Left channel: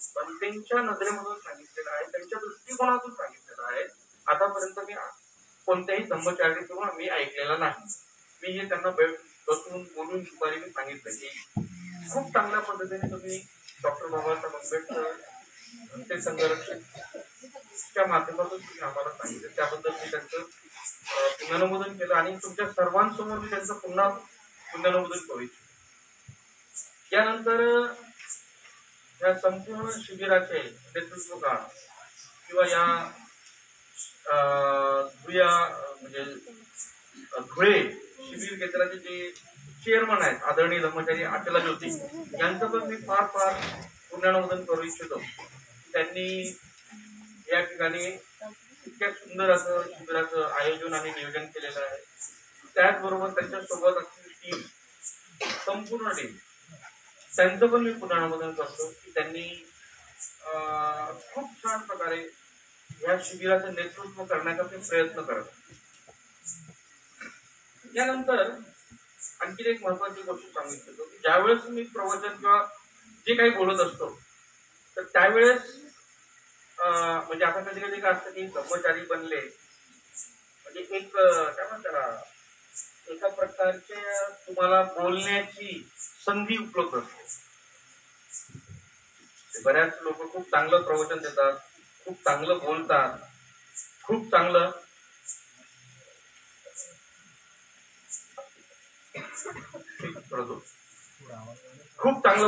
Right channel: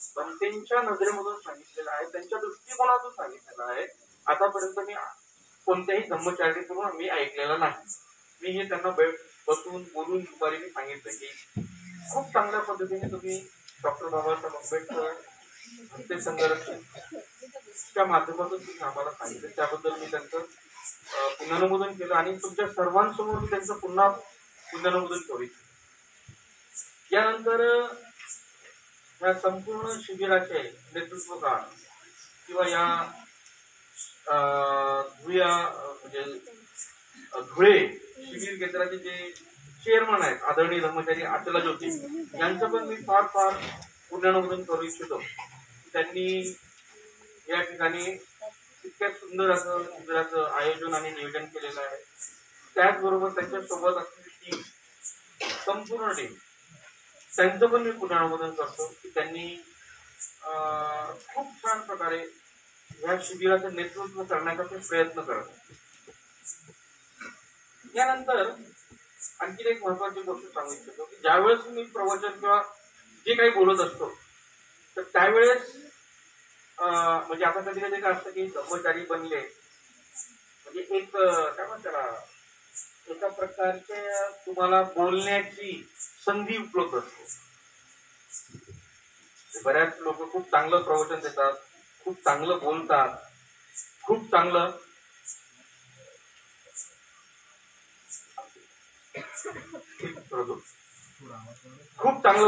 त्यांच्या नजरेमधून सांगितलेलं आहे, त्यांच्या दृष्टिकोनातून सांगितलेलं आहे. आतापर्यंत मी कोणत्याही धम्मचार्याकडून मी ऐकलेलं नाही. मी हे त्यांना बसून बोलून दुपारी मी सांगितलं की खूप चांगल्या पद्धतीने तुम्ही डॉक्टर बाबासाहेब आंबेडकर ते संघर्षच्या माध्यमातून तुम्ही आम्हाला सांगितलं, त्याबद्दल मी त्यांचं पुनरानुमोदन केलं आणि तुमच्या सर्वांसमोर मी त्यांचं पुन्हा पुनरानुमोदन करू इच्छितो. यानंतर या संपूर्ण शिबिराचे नेतृत्व किंवा या म्हणजे धुळे शिबिर केंद्राचे जे चेअरमन आहेत आदरणीय धर्मचारी अचला ज्योती, यांचं पण मी फार फार पुनरानुमोदन करू इच्छितो. त्यांनी या ठिकाणी इतक्या सुंदर असं शिबिराचं आयोजन आणि नियोजन केलेलं आहे. त्याचबरोबर त्यांच्या सोबत असलेली टीम, संपूर्ण टीम, त्यांचं पण मी पुनरानुमोदन करतो की त्यांनी खूप छान प्रकारे या शिबिराचं नेतृत्व करण्याचा ते प्रयत्न करतात. यानंतर आणखी एक महत्वाची गोष्ट सांगू इच्छितो की ज्यावेळेस मी प्रवचन किंवा जे काही बोलत असतो तर त्यावेळेस म्हणजे आता कधी कधी काय असतं की कर्मचारी बनले म्हणजे एक काय म्हणतात एका प्रकारचे तुम्हाला बोलण्याची संधी उपलब्ध असते. बऱ्याच लोक खूप चांगलं प्रवचन देतात, खूप चांगलं बोलतात, खूप चांगलं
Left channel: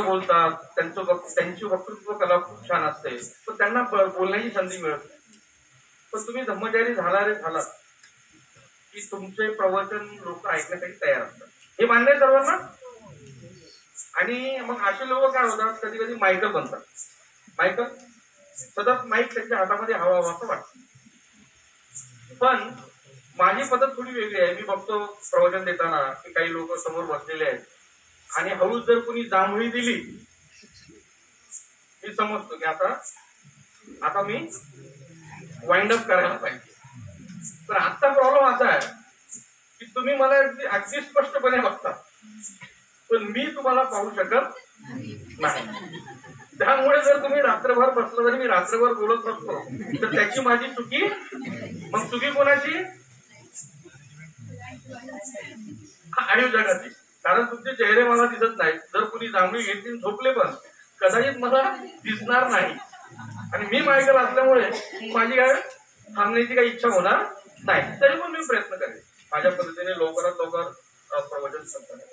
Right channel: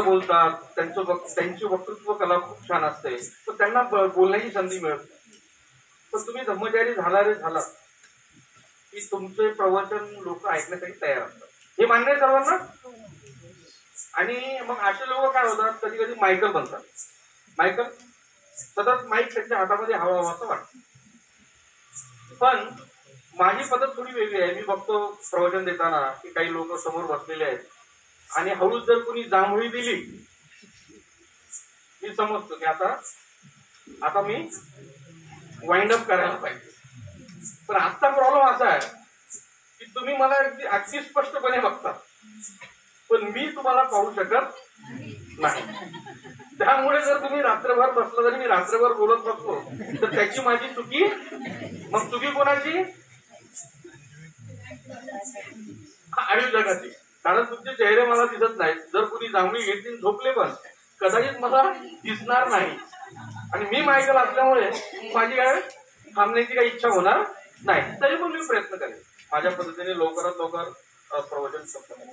बोलतात, त्यांची वक्तृत्व कला खूप छान असते, पण त्यांना बोलण्याची संधी मिळत नाही. पण तुम्ही धम्मचारी झाला की तुमचे प्रवचन लोक ऐकण्यासाठी तयार असतात, हे मान्य आहे सर्वांना. आणि मग असे लोक काय होतात, कधी कधी मायकल बनतात. मायकल सतत माईक त्यांच्या हातामध्ये हवा असं वाटतं. पण माझी पद्धत थोडी वेगळी आहे. मी बघतो प्रवचन देताना की काही लोक समोर बसलेले आहेत आणि हळूच जर कोणी जांभळी दिली, मी समजतो की आता मी वाइंड अप करायला पाहिजे. पण आजचा प्रॉब्लेम असा आहे की तुम्ही मला अगदी स्पष्टपणे बघता पण मी तुम्हाला पाहू शकत नाही. त्यामुळे जर तुम्ही रात्रभर बसला, जरी मी रात्रभर बोलत बसलो तर त्याची माझी चुकी. मग चुकी कोणाची? आणि जगाची. कारण तुमचे चेहरे मला दिसत नाहीत. जर कुणी जांभळी घेतली झोपले पण कदाचित मला दिसणार नाही. आणि मी मायकल असल्यामुळे माझी काय थांबण्याची काही इच्छा होणार नाही. तरी पण मी प्रयत्न करेन माझ्या पद्धतीने लवकरात लवकर प्रवचन करताना.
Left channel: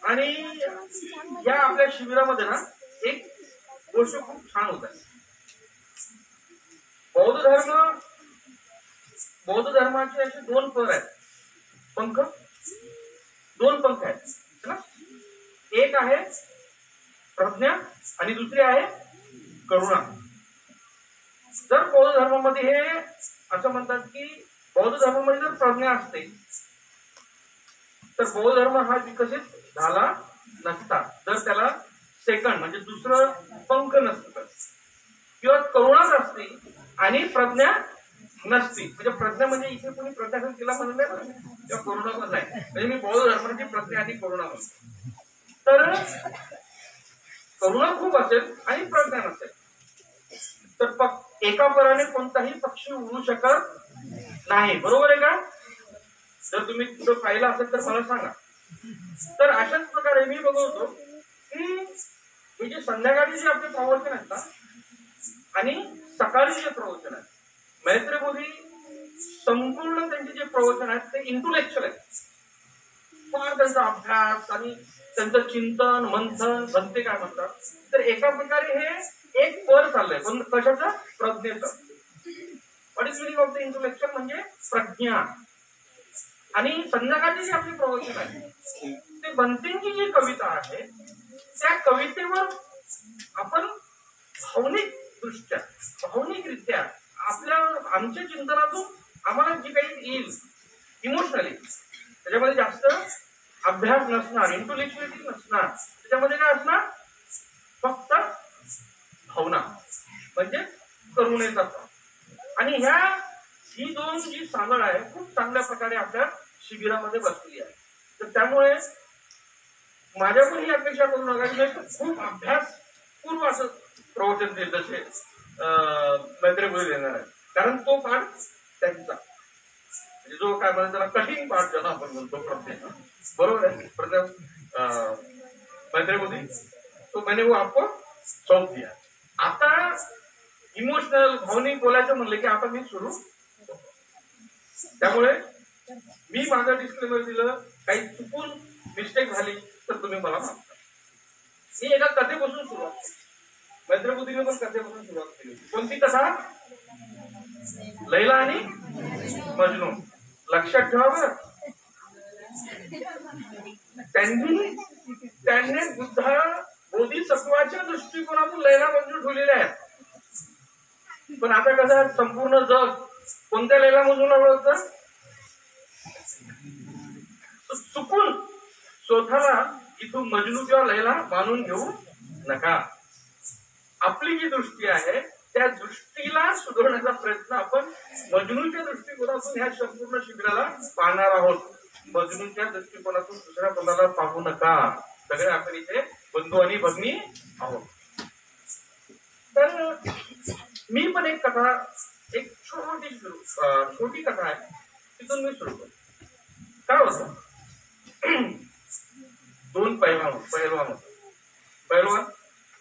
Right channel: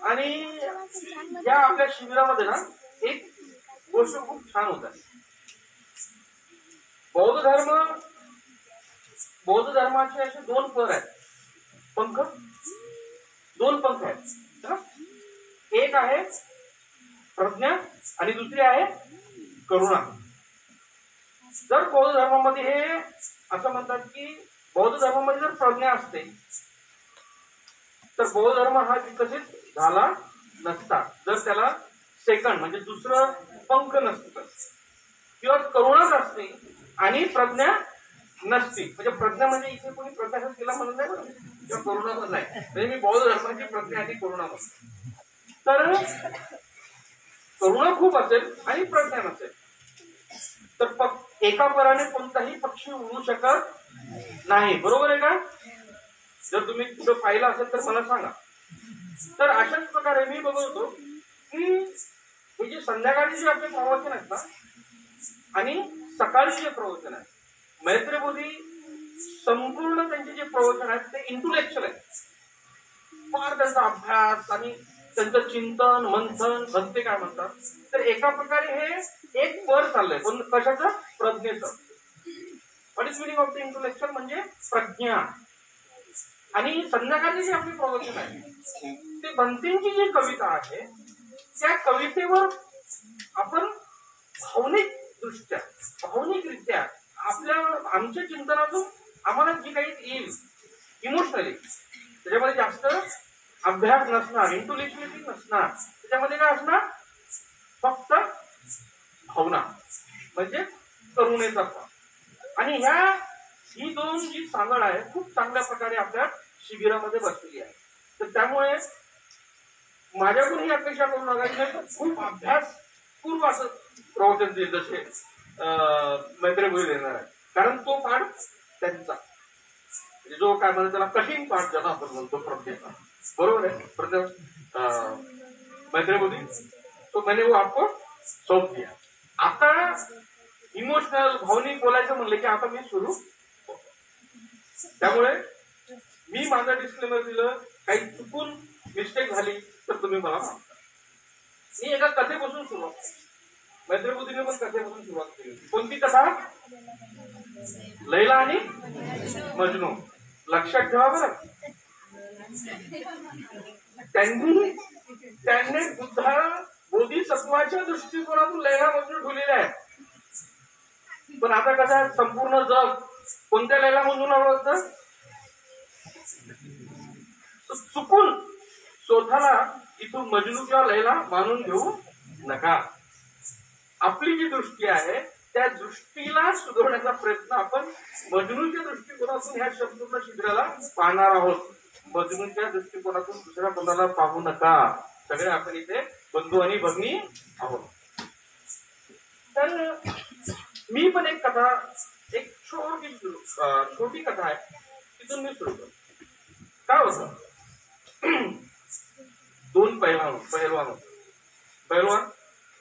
आणि या आपल्या शिबिरामध्ये ना एक गोष्ट खूप छान होत आहे. बौद्ध धर्माचे असे दोन पर आहेत, दोन पंख आहेत ना. एक आहे प्रज्ञा आणि दुसरी आहे करुणा. जर बौद्ध धर्मामध्ये हे असं म्हणतात की बौद्ध धर्मामध्ये जर प्रज्ञा असते तर बौद्ध धर्म हा विकसित झाला नसता, जर त्याला सेकंड म्हणजे दुसरं पंख नसतं, किंवा करुणाच असते आणि प्रज्ञा नसती. म्हणजे प्रज्ञा म्हणजे इथे कोणी प्रज्ञा केला म्हणून नाही, किंवा करुणा पण नाही. म्हणजे मी बौद्ध धर्माची प्रज्ञा आणि करुणा म्हणतो. तर करुणा खूप असेल आणि प्रज्ञा नसेल तर एका पराने कोणताही पक्षी उडू शकत नाही. बरोबर आहे का? जर तुम्ही कुठं पाहिलं असेल तर मला सांगा. तर अशाच प्रकारे मी बघतो की हे जे संध्याकाळी जे आपले प्रवचन आहेत ना आणि सकाळी जे प्रवचन आहेत, मैत्री बोधी संपूर्ण त्यांचे जे प्रवचन आहेत ते इंटेलेक्च्युअल आहेत. फार त्यांचा अभ्यास आणि त्यांचं चिंतन मंथन भंते काय म्हणतात. तर एका प्रकारे हे एक पर चाललंय, पण कशाचं? प्रज्ञेचं. What is meaning of the intellectual म्हणजे प्रज्ञा. आणि संध्याकाळची जी आपली प्रवचन आहे ते भंतेंची जी कविता आहे त्या कवितेवर आपण भावनिकरित्या आमच्या चिंतनातून आम्हाला जी काही येईल इमोशनली, त्याच्यामध्ये जास्त अभ्यास नसणार, इंटेलेक्च्युअलिटी नसणार. त्याच्यामध्ये काय असणार? फक्त भावना म्हणजे करुणेचा भाव. आणि ही दोन जी सांगड आहे खूप चांगल्या प्रकारे आपल्या शिबिरामध्ये बसलेली आहे. तर त्यामुळे माझ्याकडून ही अपेक्षा करू नका की खूप अभ्यास पूर्व असं प्रवचन देईल जसे मैत्रीभूमी देणार आहे. कारण तो पाठ त्यांचा म्हणजे जो काय म्हणतो त्याला कठीण पाठ ज्याला आपण म्हणतो प्रत्येक, बरोबर आहे. प्रत्येक मैत्रीभूमी तो मैंने वो आपको सौंप दिया. आता इमोशनल भावनिक बोलायचं म्हणलं की आता मी सुरू, त्यामुळे मी माझं डिस्क्लेमर दिलं, काही चुकून मिस्टेक झाली तर तुम्ही मला माफ करा. मी एका कथेपासून सुरुवात, मैत्रीबुद्धीने पण कथेपासून सुरुवात केली. कोणती कथा? लैला आणि मजनू. लक्षात ठेवा बरं, त्यांनी बुद्धा बोधिसत्वाच्या दृष्टिकोनातून लैला मजनू ठेवलेले आहेत. पण आता कसं संपूर्ण जग कोणत्या लैला मजनूला ओळखतं? चुकून स्वतःला इथून मजनू किंवा लैला मानून घेऊ नका. आपली जी दृष्टी आहे त्या दृष्टीला सुधारण्याचा प्रयत्न आपण मजनूच्या दृष्टिकोनातून ह्या संपूर्ण शिबिराला पाहणार आहोत. मजनूच्या दृष्टिकोनातून दुसऱ्या कोणाला पाहू नका. सगळे आपण इथे बंधू आणि भगिनी आहोत. तर मी पण एक कथा, एक छोटी कथा आहे, तिथून मी सुरू करतो. काय होतं, दोन पैलवान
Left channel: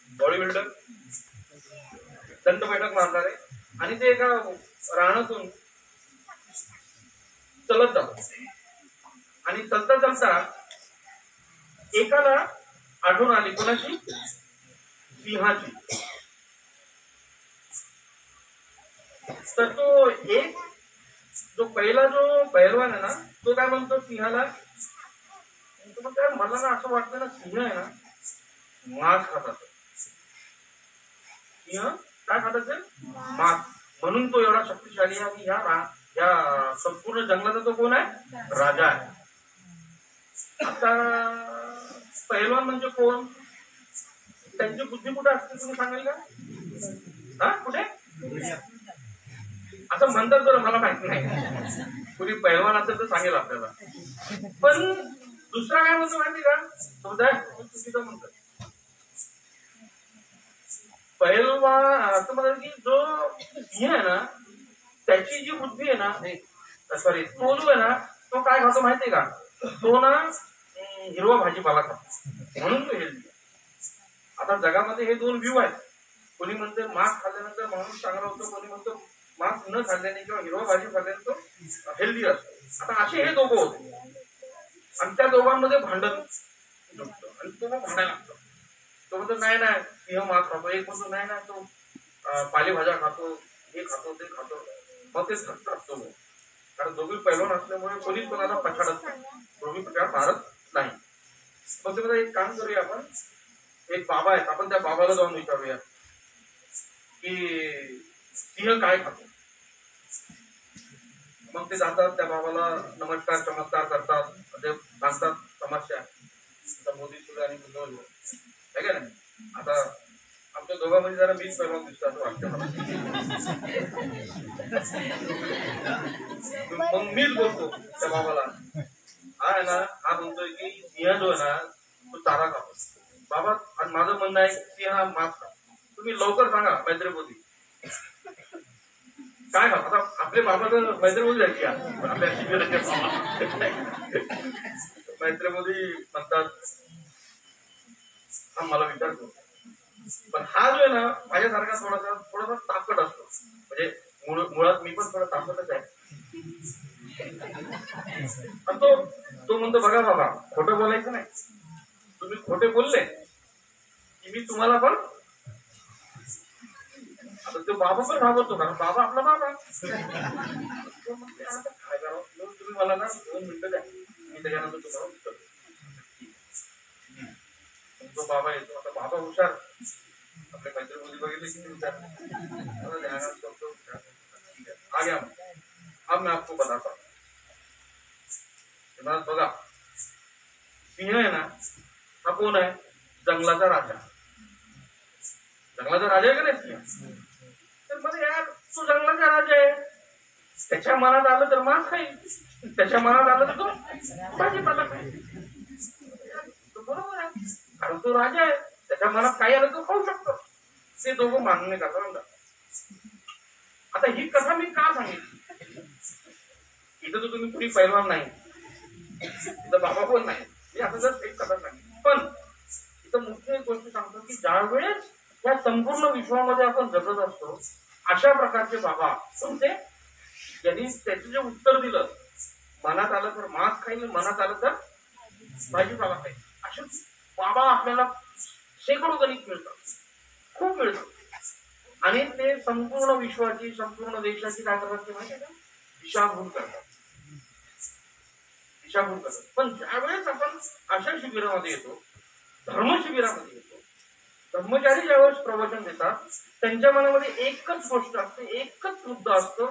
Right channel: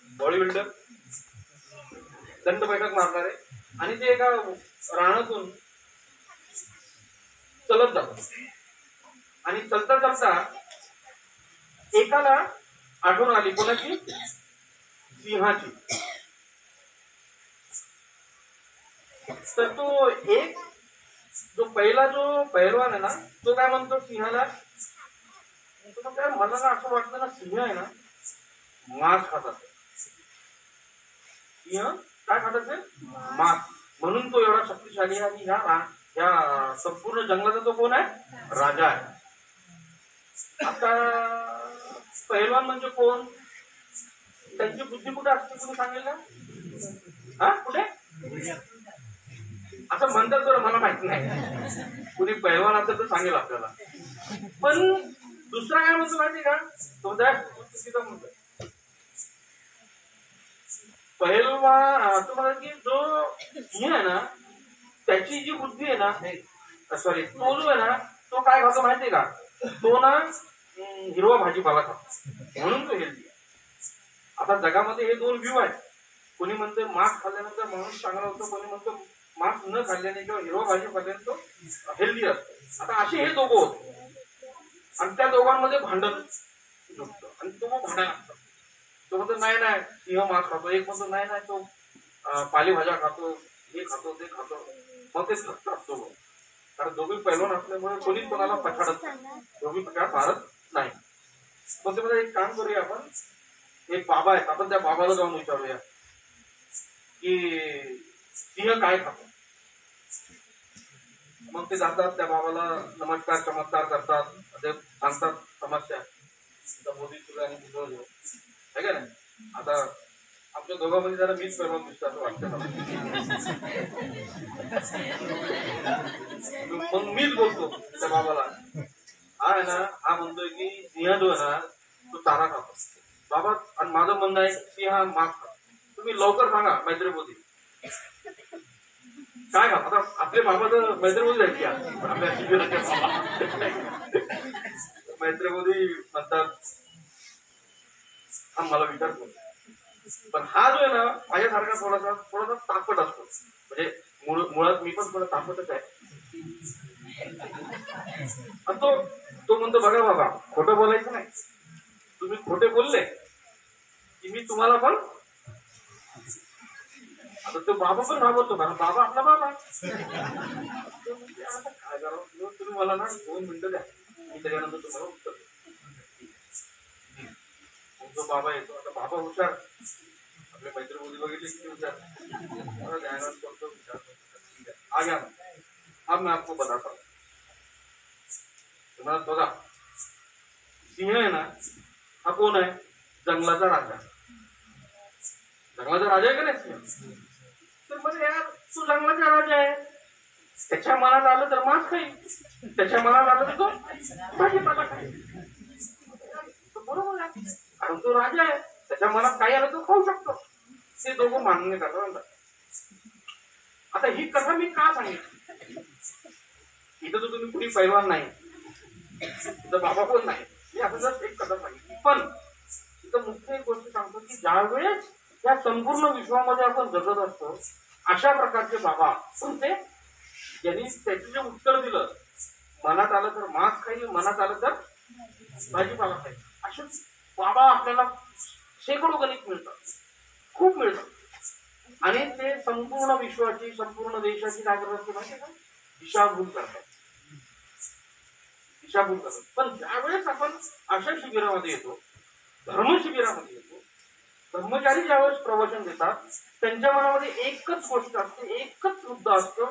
बॉडी बिल्डर दंड बैठक मारणारे आणि ते एका रानातून चलत जातात आणि चलता चलता एकाला आठवण आली. कोणाची? सिंहाची. तर तो एक जो पहिला जो पैलवान आहे ना तो काय म्हणतो सिंहाला, काय मला ना असं वाटतं ना सिंह आहे ना मांस खात असेल. सिंह काय खात असेल? मांस. म्हणून तो एवढा शक्तिशाली आहे आणि ह्या संपूर्ण जंगलाचा तो कोण आहे? राजा आहे. आता पैलवान म्हणजे कोण? त्यांची बुद्धी कुठे असते तुम्ही सांगेल का? हा कुठे असं म्हणतात तर मला माहिती नाही. कुणी पैलवान असेल तर सांगेल आपल्याला. पण दुसरा काय म्हणतो माहिती का? तो चुकीचा म्हणतो. पैलवान असं म्हणतात की जो सिंह आहे ना त्याची जी बुद्धी आहे ना, सॉरी तो जो आहे ना तो काय खातो माहितीये का? तो ना हिरवा भाजीपाला खातो, म्हणून तो हेल्दी आहे. आता जगामध्ये हे दोन व्ह्यू आहेत. कोणी म्हणते मांस खाल्ल्यानंतर माणूस चांगला होतो, कोणी म्हणतो मांस न खाल्ल्याने किंवा हिरवा भाजी खाल्ल्याने तो हेल्दी असतो. आता असे हे दोघं होते आणि त्या दोघांमध्ये भांडण झुकतं आणि तो मग भांडायला लागतो. तो म्हणतो नाही नाही सिंह मांस खातो, एक म्हणतो नाही नाही तो पालेभाज्या खातो, हे खातो ते खातो. मग ते थकतात दोघं, कारण दोघी पैलवान असल्यामुळे कोणीच कोणाला पछाडत नाही, दोघी प्रकार मारत नाही. मग ते एक काम करूया आपण, एक बाबा आहेत, आपण त्या बाबाला जाऊन विचारूया की सिंह काय खातो. मग ते जातात त्या बाबाला नमस्कार चमत्कार करतात, ते सांगतात समस्या. मोदी सुद्धा आणि बुद्धवलं आहे का नाही. आता आमच्या दोघांमध्ये जरा मीच पैलवान दिसतो असं वाटतं मला. मग मीच बोलतो त्या बाबाला, हा आहे ना हा म्हणतोय की सिंह जो आहे ना तो चारा खातो. बाबा आणि माझं म्हणणं आहे सिंह मांस खातो. तुम्ही लवकर सांगा मैत्रीपोती काय का. आता आपले बाबा तर मैत्रीपोती आहेत का? आपल्या मैत्रीपोती म्हणतात हा मला विचारतो. पण हा जो आहे ना माझ्यासारखा थोडासा तापट असतो. म्हणजे मुळात मी पण थोडा तापटच आहे. तो म्हणतो बघा बाबा खोटं बोलायचं नाही, तुम्ही खोटे बोलले की मी तुम्हाला पण. आता तो बाबा पण घाबरतो कारण बाबा आपला बाबा. काय करावं तुम्ही मला ना 2 मिनिटं द्या, मी त्याच्यानंतर तुम्हाला उत्तर देतो. तो बाबा येतो. आता बाबा हुशार, आपल्या मैत्रीमध्ये बघितले किती हुशार. ध्यानात करतो हुशार. ठीक आहे आ गया अब मैं आपको बताता हूँ. मला बघा सिंह आहे ना हा कोण आहे? जंगलाचा राजा. जंगलाचा राजा आहे का नाही सिंह? तर मला यार तू जंगलाचा राजा आहे, त्याच्या मनात आलं तर मांस खाईल, त्याच्या मनात आलं तर तो भाजीपाला खाईल. बरोबर आहे, कारण तो राजा आहे. त्याच्या मनात काही आलं तर खाऊ शकतो. ते दोघं मान्य करतात. आता ही कथा मी का सांगितली? इथं तर तुम्ही कुणी पैलवान नाही, इथं बाबा पण नाही, मी आता जर एक कथा सांगितली. पण इथं मुख्य एक गोष्ट सांगतो की ज्या वेळेस या संपूर्ण विश्वामध्ये आपण जगत असतो, अशा प्रकारचे बाबा कोणते, ज्यांनी त्याचं जे उत्तर दिलं, मनात आलं तर मांस खाईल, मनात आलं तर भाजीपाला खाईल, असे बाबा आपल्याला शेकडो गणित मिळतात, खूप मिळतात. आणि ते संपूर्ण विश्वाची, संपूर्ण देशाची काय करतात ते माहिती का? दिशाभूल करतात, दिशाभूल करतात. पण ज्यावेळेस आपण अशा शिबिरामध्ये येतो, धर्म शिबिरामध्ये येतो, ब्रह्मचारी ज्यावेळेस प्रवचन देतात, त्यांच्या मनामध्ये एकच गोष्ट असते, एकच मुद्दा असतो,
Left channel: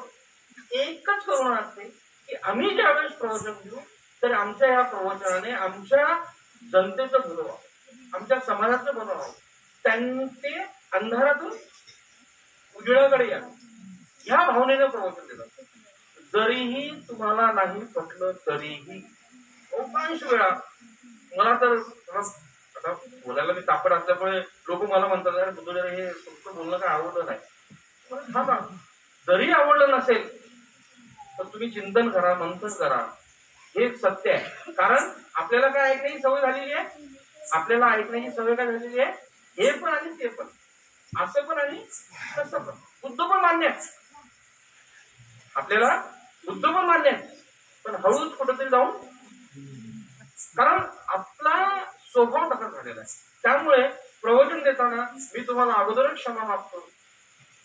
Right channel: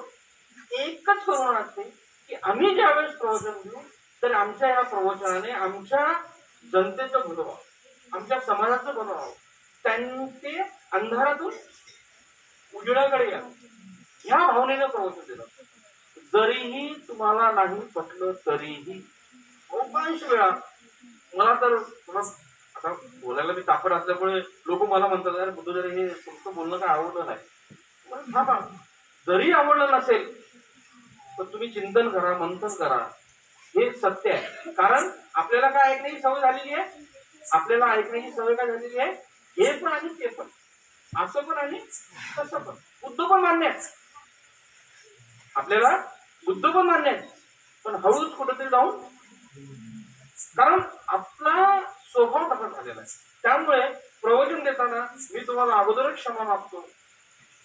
एकच करुणा असते की आम्ही ज्यावेळेस प्रवचन देऊ तर आमच्या या प्रवचनाने आमच्या जनतेचं भलं व्हावं, आमच्या समाजाचं भलं व्हावं, त्यांचे अंधारातून उजेडाकडे या, ह्या भावनेनं प्रवचन देतात. जरीही तुम्हाला नाही पटलं तरीही बहुतांश वेळा मला तर आता बोलायला मी तापड असल्यामुळे लोक मला म्हणतात, अरे बुद्धू हे तुमचं बोलणं काय आवडलं नाही. थांबा, जरी आवडलं नसेल तर तुम्ही चिंतन करा, मंथन करा, हे सत्य आहे. कारण आपल्याला काय ऐकण्याची सवय झालेली आहे, आपल्याला ऐकण्याची सवय काय झालेली आहे, हे पण आणि ते पण, असं पण आणि तसं पण. बुद्ध पण मान्य आहे आपल्याला, बुद्ध पण मान्य आहे, पण हळूच कुठेतरी जाऊन, कारण आपला स्वभाव तसा झालेला आहे. त्यामुळे प्रवचन देताना मी तुम्हाला अगोदरच क्षमा मागतो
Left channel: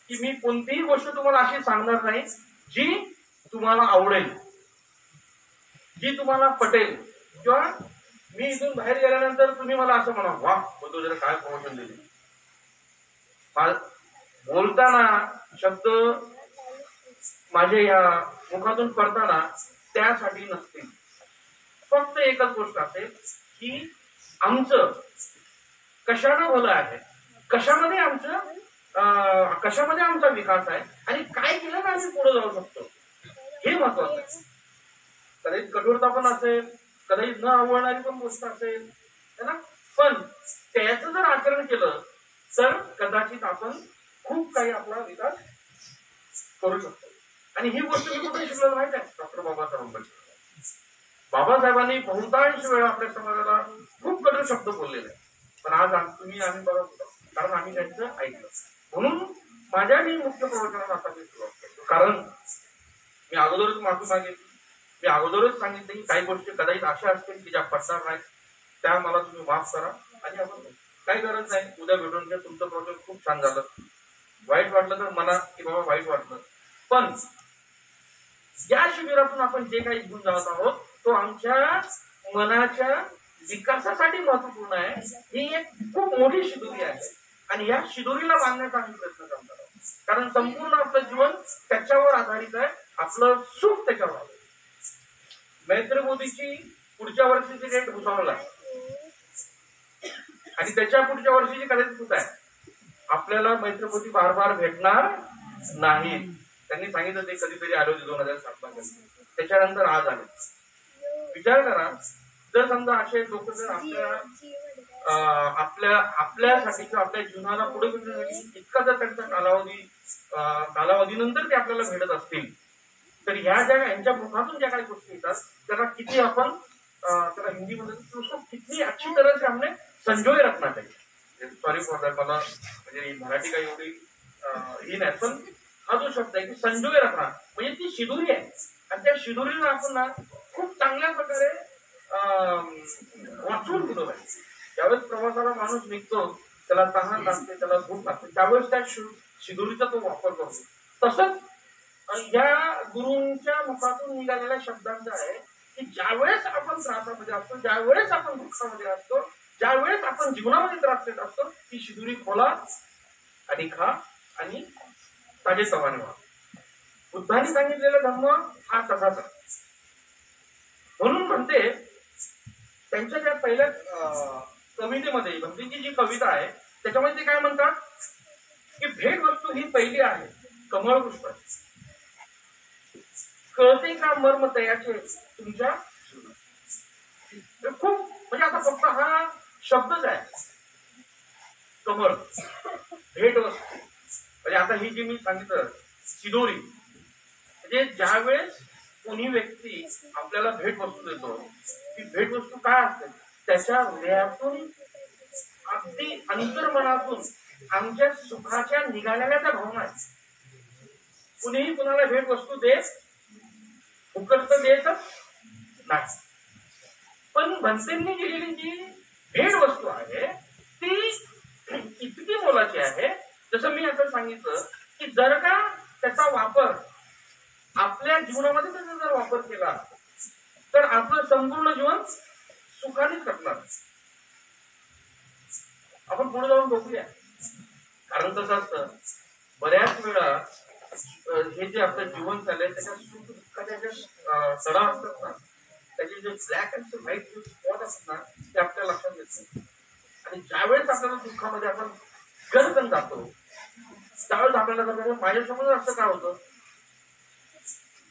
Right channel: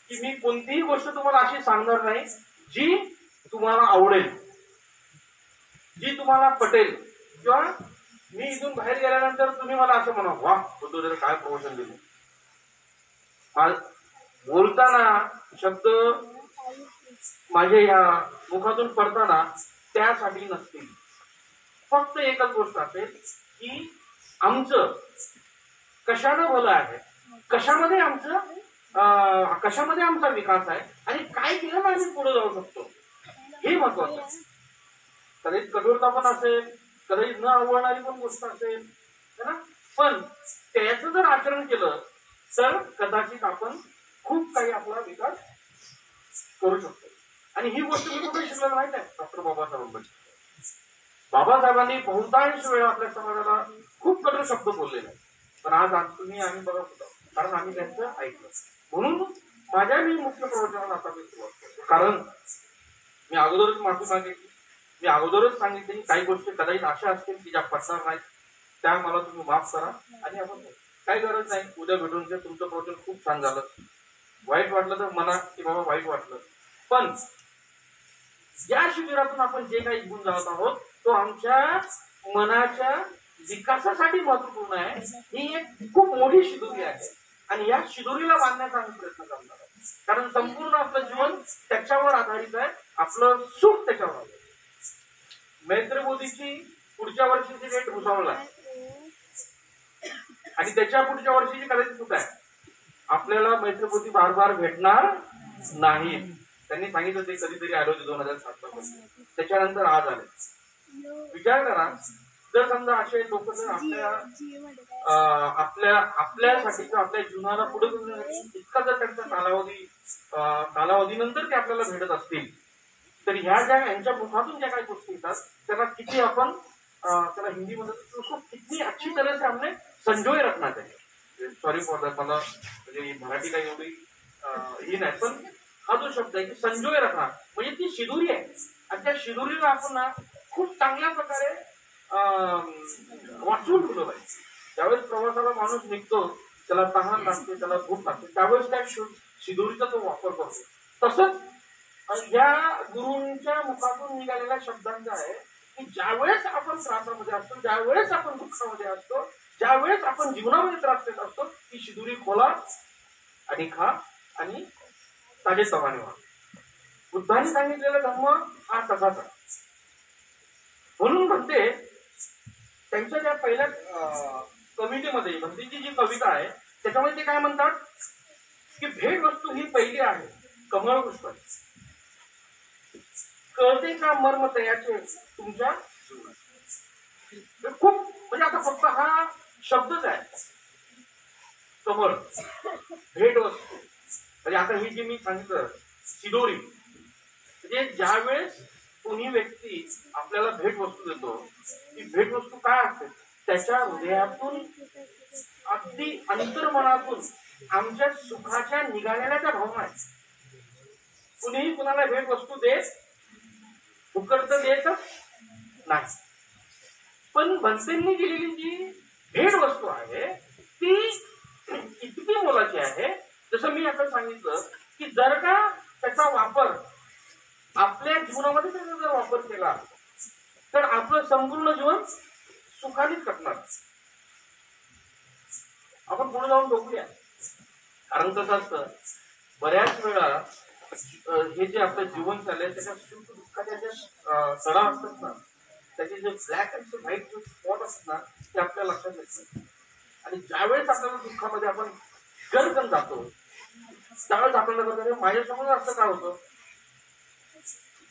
की मी कोणतीही गोष्ट तुम्हाला अशी सांगणार नाही जी तुम्हाला आवडेल, जी तुम्हाला पटेल, किंवा मी इथून बाहेर गेल्यानंतर तुम्ही मला असं म्हणा, वा बुद्धू काय प्रवचन दिले. बोलताना शब्द माझे या मुखातून पडताना त्यासाठी नसतील, फक्त एकच गोष्ट असेल की आमचं कशानं भलं आहे, कशामध्ये आमचा विकास आहे आणि काय केलं ना आम्ही पुढे जाऊ शकतो, हे महत्वाचं आहे. कदाचित कठोरता पण असेल, कदाचित न आवडणारी पण गोष्ट असेल है ना, पण त्याचं जर आचरण केलं तर कदाचित आपण खूप काही आपला विकास करू शकतो. आणि ही गोष्ट मी कुठे शिकलो माहित आहे? डॉक्टर बाबासाहेबांकडे. बाबासाहेबांनी बहुतांश वेळ आपल्या समाजाला खूप कठोर शब्द बोललेले आहे, पण आज आम्ही बघत होतो, कारण आम्ही त्यांचं ऐकलं. म्हणून माझ्या मी मुख्य प्रवचनाला आता मी सुरुवात करतो, कारण मी अगोदरच माफी मागितली, मी अगोदरच सांगितलं की काही गोष्टी कदाचित अशा असतील की ज्या पटणार नाहीत, त्या मला तुम्ही माफ करा. आणि आपण काही गरज नाही, उद्या भेटून घ्या, तुमचं प्रवचन खूप छान झालं, वाईट वाटलं तर म्हणा की बाबा वाईट वाटलं, पण या शिबिरातून आपण जे काही गुण जात आहोत तो आमच्या मनाच्या विकासासाठी महत्वपूर्ण आहे. ही एक खूप मोठी शिदोरी आहे आणि या शिदोरीला बांधण्याचा आम्ही प्रयत्न करणार आहोत, कारण संपूर्ण आपलं जीवन त्याच्यावर आधारित आहे, आपलं सुख त्याच्यावर आहे. नरेंद्र मोदीची पुढच्या वर्षीची डेट घुसावला आणि त्याच्या पुढच्या वर्षीची कदाचित कुठं आहे, आपल्याला मैत्री मोदी बार बार भेटणार नाही. त्यांनी सांगितलं ते कधीतरी आले होते 2007 मध्ये, त्याच्यानंतर आज आले. विचार करा, जर समजा असे लोक जर आपल्यासाठी किंवा आपल्या जीवनाला पुढे घेण्यासाठी इतका जर त्यांचा कालावधीनंतर ते आपल्याला भेटत असतील, तर यांच्या मुखातून ज्या काही गोष्टी येतात त्याला किती आपण त्याला हिंदीमध्ये उसको कितनी अच्छी तरह से हमने संजोए रखना चाहिए. सॉरी फॉर दॅट, मला म्हणजे मराठी काही एवढी ही नाही, पण हा जो शब्द आहे की संजोए रखना म्हणजे ती शिदोरी आहे, आणि त्या शिदोरीला आपण ना खूप चांगल्या प्रकारे वाचून ठेवलं पाहिजे. ज्यावेळेस प्रवासाला माणूस निघतो, त्याला तहान लागते, त्याला भूक लागते, त्यावेळेस त्या शिदोरीचा तो वापर करतो. तसंच या गुरूंच्या मुखातून निघालेल्या शब्दांचा आहे की ज्यावेळेस आपण त्रासामध्ये असतो, ज्यावेळेस आपण दुःखामध्ये असतो, ज्यावेळेस आपण जीवनामध्ये त्रास देत असतो, ती शिदोरी खोला आणि खा आणि ताजेतवाने व्हा. बुद्धांनी सांगितलेला धर्म हा तसाच आहे. म्हणून म्हणते त्यांच्या ज्या पहिल्या कवितेमध्ये, भक्तीची जी कविता आहे त्याच्यामध्ये ते काय म्हणतात की भेट वस्तू ही पहिली आहे कमळ पुष्प, कळते का मर्म तयाचे तुमच्या जीवनात. खूप म्हणजे आता फक्त हा शब्दच आहे, कमळ, भेट वस्तू. म्हणजे आता ही जी मी सांगितलं शिदोरी, म्हणजे ज्या वेळेस कोणी व्यक्ती आपल्याला भेट वस्तू देतो, ती भेट वस्तू काय असते, त्याच्या हृदयातून अगदी अंतर्मनातून आमच्या सुखाच्या निघालेल्या त्या भावना आहेत. कुणीही कुणाला भेट वस्तू देत फुकट देत नाही, पण भंतेंनी दिलेली जी भेट वस्तू आहे ती इतकी मोलाची आहे. जसं मी आता सांगितलं की जर का त्याचा वापर आपल्या जीवनामध्ये त्याचा जर वापर केला तर आपलं संपूर्ण जीवन सुखानेच कटणार. आपण पुढे जाऊन बघूया. कारण कसं असतं, बऱ्याच वेळा हे जे आपलं जीवन चाललंय त्याच्या सुख दुःखाच्या ज्या सडा असतात ना, त्याचे जे ब्लॅक अँड व्हाईट जे स्पॉट असतात ना, ते आपल्या लक्षात येत नाही. आणि ज्यावेळेस आपल्याला दुःखामध्ये आपण गरकन जातो त्यावेळेस आपल्याला माझ्यासमोर असं का होतं,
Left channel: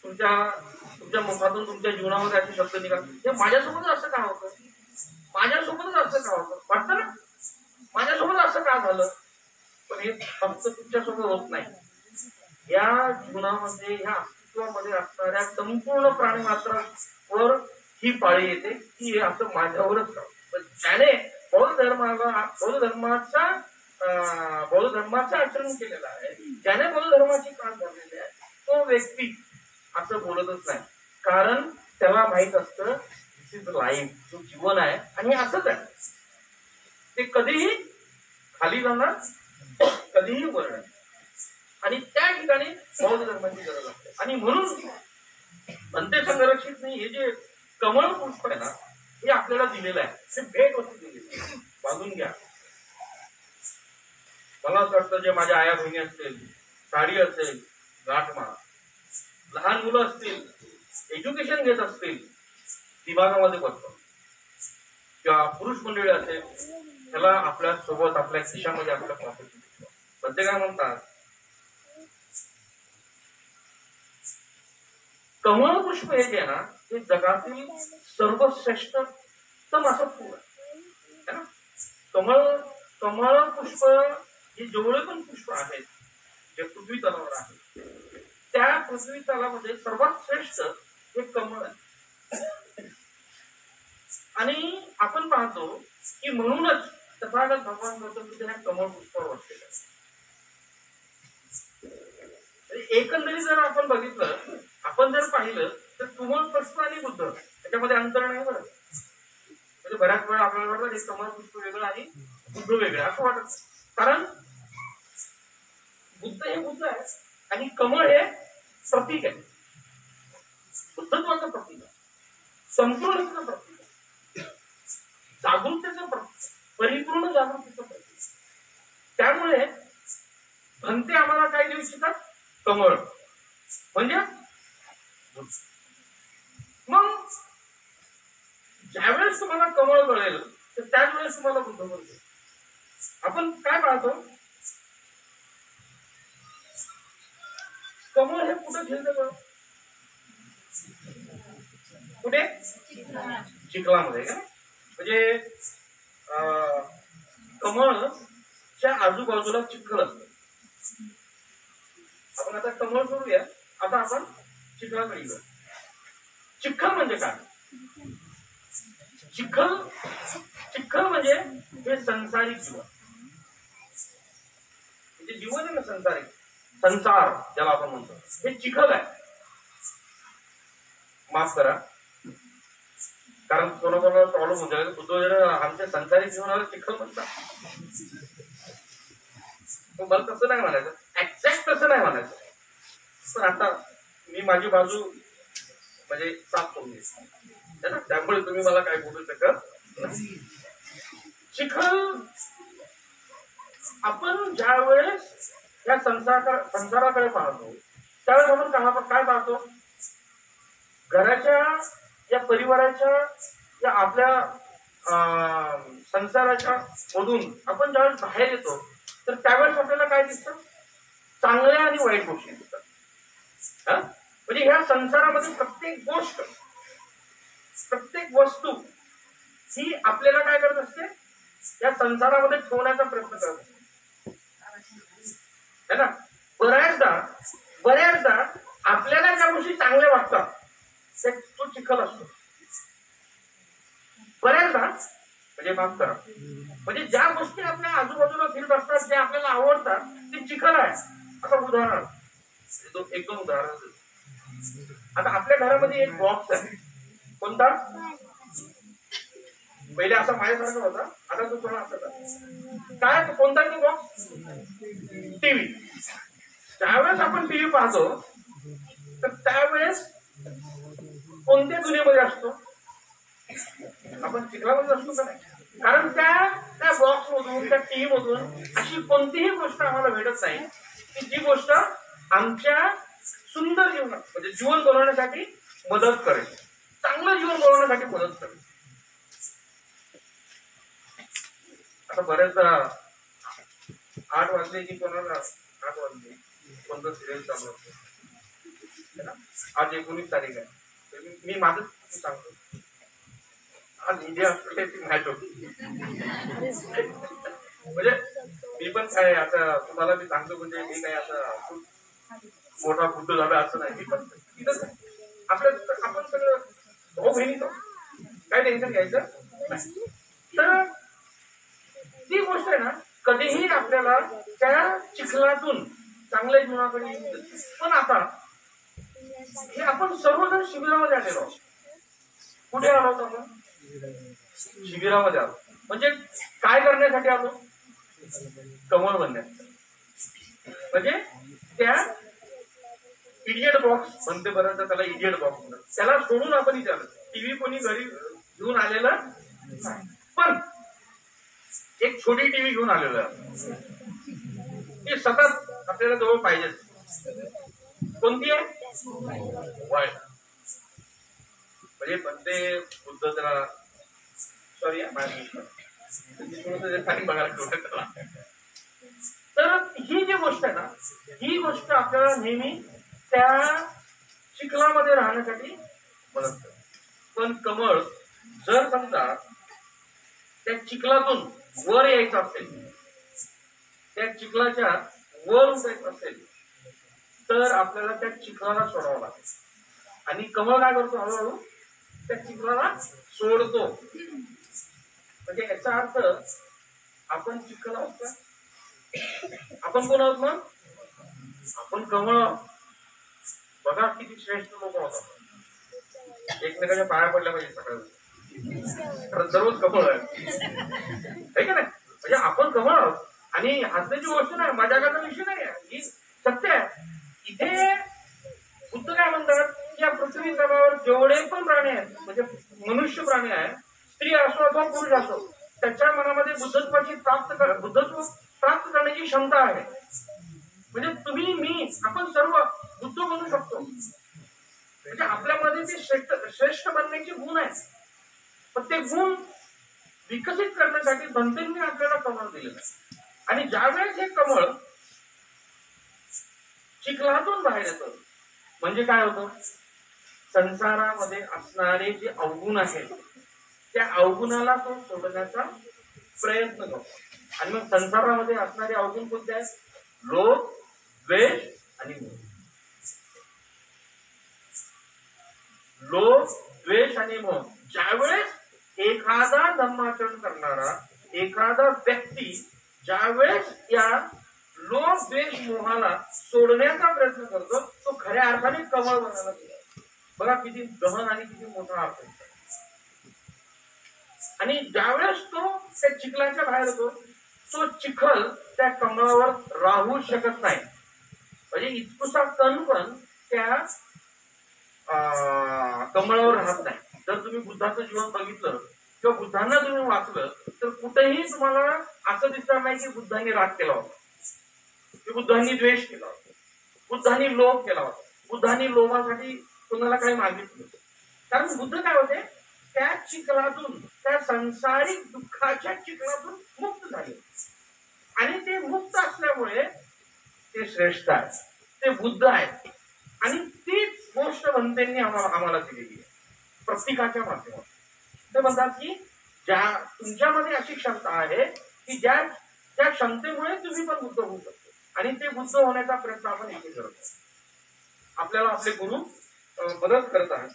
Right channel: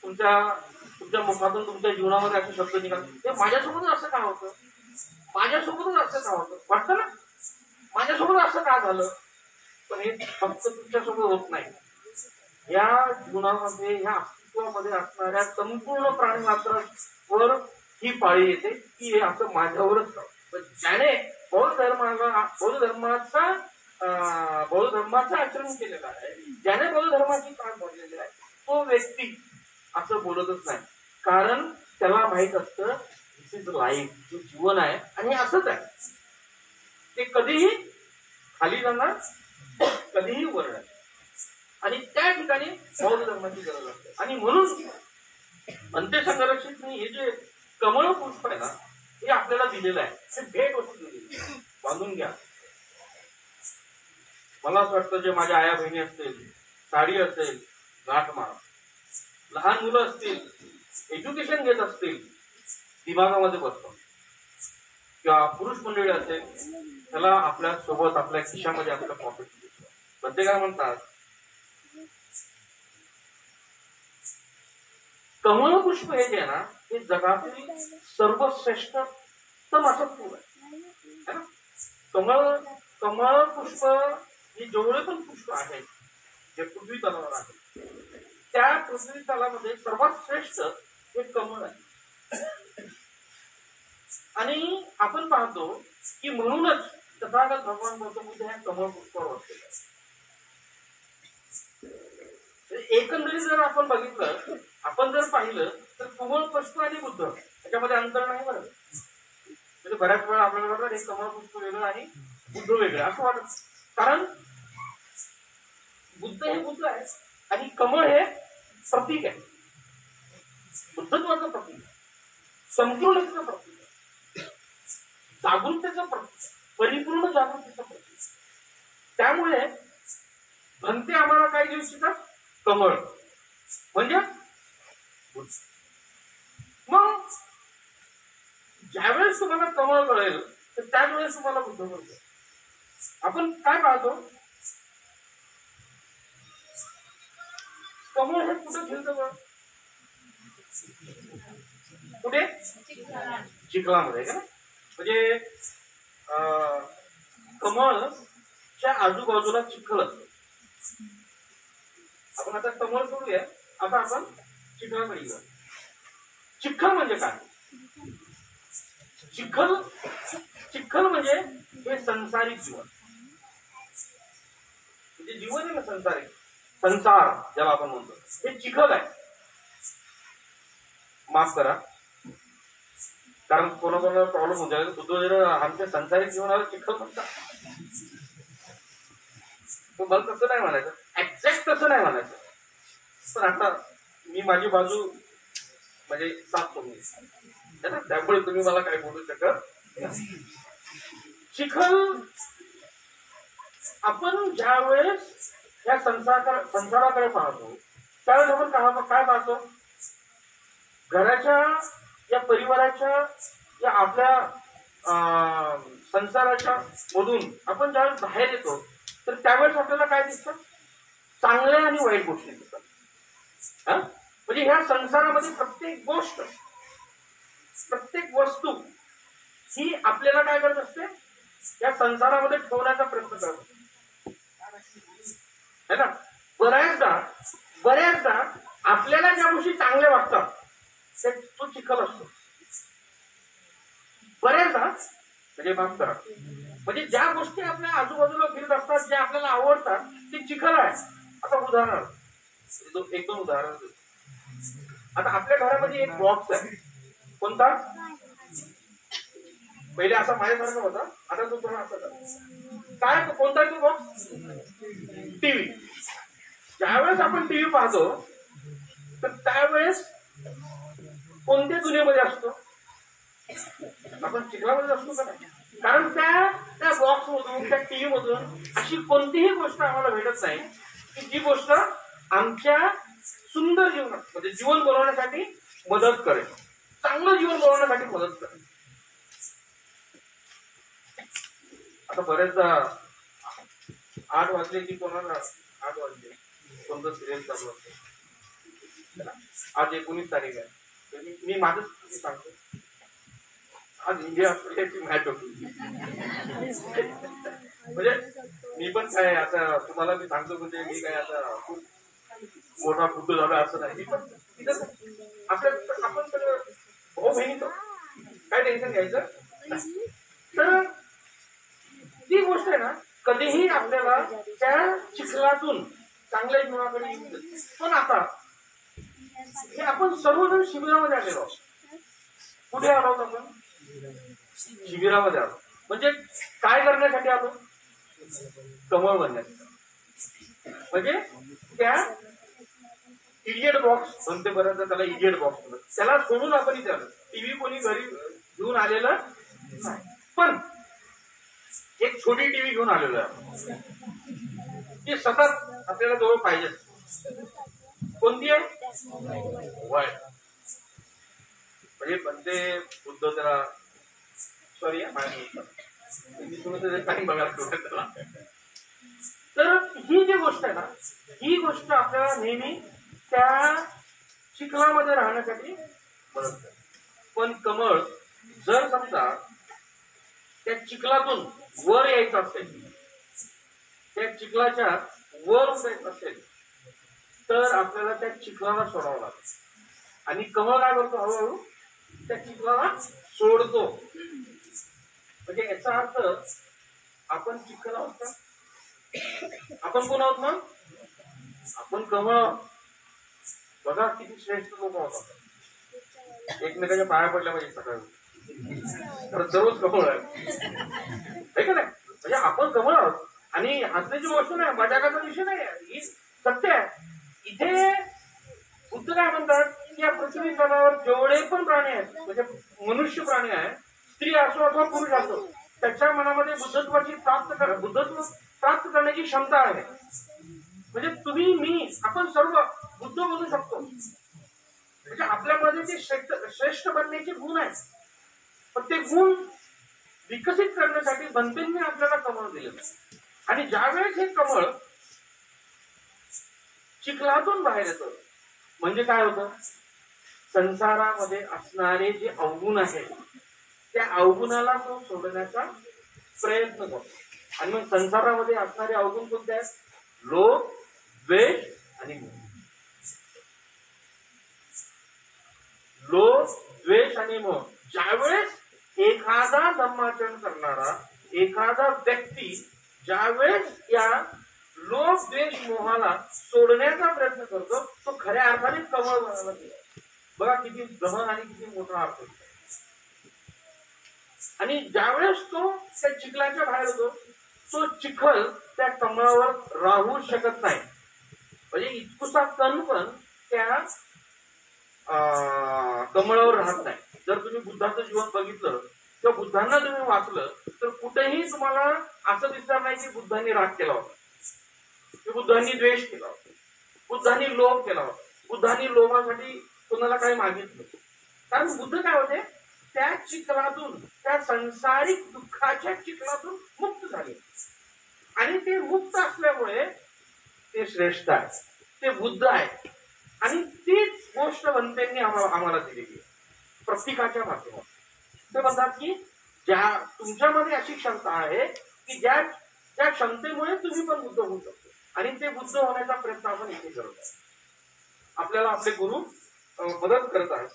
तुमच्या मुखातून तुमच्या जीवनामध्ये असे शब्द निघाले, ते माझ्यासोबत असं का होतं, माझ्यासोबतच असं का होतं, वाटतं ना माझ्यासोबत असं का झालं. पण हे फक्त तुमच्यासोबत होत नाही, या जीवनामध्ये ह्या अस्तित्वामध्ये असणाऱ्या संपूर्ण प्राणीमात्रावर ही पाळी येते की हे असं माझ्यावरच का. पण ज्याने बौद्ध धर्माचं आचरण केलेलं आहे, ज्याने बौद्ध धर्माची काम भरलेली आहे, तो व्यक्ती असं बोलतच नाही. कारण त्याला माहित असतं दिस इज लाईफ, जो जीवन आहे आणि असंच आहे, ते कधीही खाली जाणार कधीही वर आहे. आणि त्या ठिकाणी बौद्ध धर्माची गरज असते. आणि म्हणून अंत्यसंरक्षित हे जे कमळ पुष्प आहे ना, हे आपल्याला दिलेलं आहे, हे भेट वस्तू दिलेली आहे, बांधून घ्या. मला असं वाटतं जे माझ्या आया बहिणी असतील, साडी असेल गाठ मारा, लहान मुलं असतील एज्युकेशन घेत असतील दिमागामध्ये बसतात, किंवा पुरुष मंडळी असेल त्याला आपल्या सोबत आपल्या खिशामध्ये आपल्या पॉकेट मध्ये काय म्हणतात, कमळ पुष्प हे जे आहे ना, हे जगातील सर्वश्रेष्ठतम असं फूल आहे ना. कमळ पुष्प हे जेवढे पण पुष्प आहेत जे पृथ्वी तलावर आहेत, त्या पृथ्वी तलामध्ये सर्वात श्रेष्ठ हे कमळ आहे. आणि आपण पाहतो की म्हणूनच तथागत भगवान गौतम बुद्ध ह्या कमळ पुष्पावर बसलेले आहेत. एकंदरीत जर आपण बघितलं, आपण जर पाहिलं तर कमळ पुष्प आणि बुद्ध त्याच्यामध्ये अंतर नाही बरं. म्हणजे बऱ्याच वेळा आपल्याला वाटतं हे कमळ पुष्प वेगळं आणि बुद्ध वेगळं असं वाटत. कारण बुद्ध हे बुद्ध आहे आणि कमळ हे प्रतीक आहे, बुद्धत्वाचं प्रतीक आहे, संपूर्णतेचं प्रतीक आहे, जागृतीचं प्रतीक, परिपूर्ण जागृतीचं प्रतीक. त्यामुळे भंते आम्हाला काय देऊ इच्छितात, कमळ म्हणजे बुद्ध. मग ज्यावेळेस तुम्हाला कमळ कळेल तर त्याच वेळेस तुम्हाला बुद्ध कळतो. आपण काय पाहतो, कमळ हे कुठे खेळतं, कुठे चिखलामध्ये का. म्हणजे कमळच्या आजूबाजूला चिखल असतो. आपण आता कमळ सोडूया, आता आपण चिखलाकडे येऊया. चिखल म्हणजे काय, चिखल म्हणजे हे संसारिक जीवन, म्हणजे जीवन आहे ना संसारिक, संसार ज्याला आपण म्हणतो हे चिखल आहे. माफ करा, कारण कोणाकोणाला प्रॉब्लेम होऊन जाईल, बुद्ध आमच्या संसारिक जीवनाला चिखल म्हणतात. मला तसं नाही म्हणायचं, एक्झॅक्ट तसं नाही म्हणायचं, पण आता मी माझी बाजू म्हणजे साफ करून घेतली ना, त्यामुळे तुम्ही मला काय बोलू शकत नाही. चिखल आपण ज्या वेळेस या संसाराकडे पाहतो त्यावेळेस आपण काय पाहतो, घराच्या या परिवाराच्या या आपल्या संसाराच्या मधून आपण ज्यावेळेस बाहेर येतो तर त्यावेळेस आपल्याला काय दिसतं, चांगल्या आणि वाईट गोष्टी दिसतात. म्हणजे ह्या संसारामध्ये प्रत्येक गोष्ट, प्रत्येक वस्तू ही आपल्याला काय करत असते, या संसारामध्ये ठेवण्याचा प्रयत्न करत असते. है ना. बऱ्याचदा आपल्याला ज्या गोष्टी चांगल्या वाटतात तो चिखल असतो. बऱ्याचदा म्हणजे माफ करा, म्हणजे ज्या गोष्टी आपल्या आजूबाजूला फिरत असतात ज्या आपल्याला आवडतात ते चिखल आहे. आता उदाहरण, एक दोन उदाहरण. आता आपल्या घरामध्ये एक बॉक्स आहे. कोणता? पहिले असा माझ्यासारखा होता, आता तो थोडा असा काय. कोणता तो बॉक्स? टीव्ही. ज्यावेळेस आपण टीव्ही पाहतो तर त्यावेळेस कोणत्या दुनियेमध्ये असतो? आपण चिखलामध्ये असतो का नाही? कारण त्या बॉक्स मधून त्या टीव्ही मधून अशी कोणतीही गोष्ट आम्हाला भेटत नाही की जी गोष्ट आमच्या सुंदर जीवनात म्हणजे जीवन बनवण्यासाठी मदत करेल, चांगलं जीवन बनवण्यासाठी मदत करेल. आता बरेचदा 8 वाजले की कोणाला 8 वाजले कोणतं सिरियल चालू असतं. आज 19 तारीख आहे. मी माझं सांगतो, आज इंडिया ऑस्ट्रेलियाची मॅच होती. म्हणजे मी पण काय आता तुम्हाला मी सांगतो, म्हणजे मी काय आता खूप मोठा फुटू झाला असं नाही. आपण सगळं भाऊ बहिणीचं काय टेन्शन घ्यायचं. तर ती गोष्ट आहे ना, कधीही आपल्याला त्या चिखलातून चांगल्या जीवनाकडे येऊ. पण आता हे आपण सर्वजण शिबिरामध्ये आलेलो आहोत. कुठे आलो आहोत आपण? शिबिरामध्ये आलो. म्हणजे काय करण्यासाठी आलो? कमळ बनण्यासाठी. म्हणजे त्या इडियट बॉक्स म्हणते बरं, त्याला इडियट बॉक्स म्हणतात, त्याला सोडून आपण इथे आलो. टीव्ही कोणी घरी घेऊन आलेलं नाही, पण एक छोटी टीव्ही घेऊन आलेलो आहे. ती सतत आपल्याला जवळ पाहिजे. कोणती आहे? वाय. म्हणजे म्हणते बुद्ध त्याला सॉरी बघायला. तर ही जी गोष्ट आहे ना, ही गोष्ट आपल्याला नेहमी त्या चिखलामध्ये राहण्यासाठी मदत करते. पण कमळ जर समजा त्या चिखलातून वर यायचं असेल, त्या चिखलाच्या वर जायचं असेल तर आपल्याला त्या चिखलाला सोडावं लागेल. आणि कमळ काय करतो? हळूहळू त्या चिखलाला सोडतो. म्हणजे याचा अर्थ आपण चिखल आहोत का? आपण कोण आहोत मग? आपण कमळ आहोत. बघा किती श्रेष्ठ लोक आहोत आपण. एकमेकाच्या पाया पडल्या पाहिजे सगळं. दररोज कमळ आहे का नाही? म्हणजे आपण कमळ आहोत. आणि हसण्याची गोष्ट नाही, मजाकाचा विषय नाही, ही सत्य आहे. इथे बुद्ध काय म्हणतात की या पृथ्वी तलावर जेवढे पण प्राणी आहेत, म्हणजे मनुष्य प्राणी आहे, स्त्री असो अथवा पुरुष असो, त्याच्या मनामध्ये बुद्धत्व प्राप्त करण्याची क्षमता आहे. म्हणजे तुम्ही, मी, आपण सर्व बुद्ध बनू शकतो. म्हणजे आपल्यामध्ये ते श्रेष्ठ बनण्याचे गुण आहेत. पण ते गुण विकसित करण्यासाठी बनतेंनी आपल्याला कमळ दिलेलं आहे. आणि ज्यावेळेस हे कमळ चिखलातून बाहेर येतं म्हणजे काय होतं? संसारामध्ये असणारे जे अवगुण आहेत त्या अवगुणाला तो सोडण्याचा प्रयत्न करतो. आणि मग संसारामध्ये असणारे अवगुण कोणते आहेत? लोभ, द्वेष आणि मोह. लोभ, द्वेष आणि मोह. ज्यावेळेस एखादा धर्माचरण करणारा एखादा व्यक्ती ज्यावेळेस या लोभ, द्वेष, मोहाला सोडण्याचा प्रयत्न करतो तो खऱ्या अर्थाने कमळ बनायला गेला. बघा किती गहन आणि किती मोठा अर्थ. आणि ज्यावेळेस तो त्या चिखलाच्या बाहेर होतो, तो चिखल त्या कमळावर राहू शकत नाही. म्हणजे इतकुसा कण पण त्या कमळावर राहत नाही. जर तुम्ही बुद्धाचं जीवन बघितलं किंवा बुद्धांना तुम्ही वाचलं तर कुठेही तुम्हाला असं दिसणार नाही की बुद्धांनी राग केला होता, की बुद्धांनी द्वेष केला होता, बुद्धांनी लोभ केला होता, बुद्धांनी लोभासाठी कोणाला काही मागितलं. कारण बुद्ध काय होते? त्या चिखलातून, त्या संसारिक दुःखाच्या चिखलातून मुक्त झाले. आणि ते मुक्त असल्यामुळे ते श्रेष्ठ आहे, ते बुद्ध आहे. आणि तीच गोष्ट बनतेंनी आम्हाला दिलेली आहे प्रतीकाच्या माध्यमातून. ते म्हणतात की तुमच्यामध्ये अशी क्षमता आहे की ज्या क्षमतेमुळे तुम्ही पण बुद्ध होऊ शकतो. आणि ते बुद्ध होण्याचा प्रयत्न आपण इथे करत आहोत. आपल्याला आपले गुरु मदत करत आहेत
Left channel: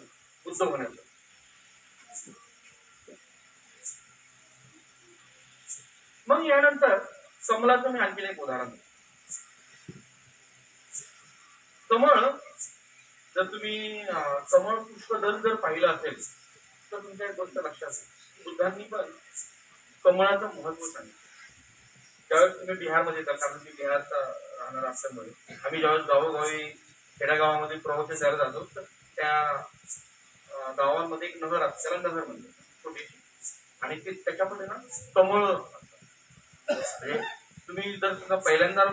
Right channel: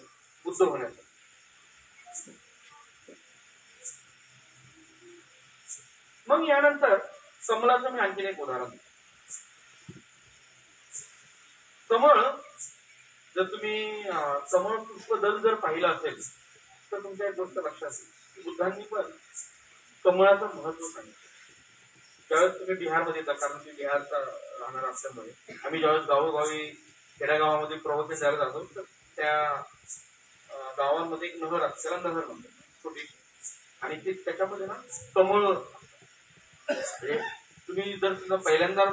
बुद्ध होण्याचा. मग यानंतर कमळाचं मी आणखीन एक उदाहरण देतो. कमळ, जर तुम्ही कमळ पुष्पदल जर पाहिलं असेल तर तुमच्या एक गोष्ट लक्षात येईल, बुद्धांनी पण कमळाचं महत्व सांगितलं. ज्यावेळेस तुम्ही बिहारमध्ये येतात, कारण की बिहारचा राहणार असल्यामुळे आम्ही ज्यावेळेस गावोगावी खेड्यागावामध्ये प्रवचन द्यायला जातो तर त्या गावांमध्ये एक नहर असते, त्याला नहर म्हणतात, छोटीशी, आणि ते त्याच्यामध्ये ना कमळ, म्हणजे तुम्ही जर समजा पहिल्यांदा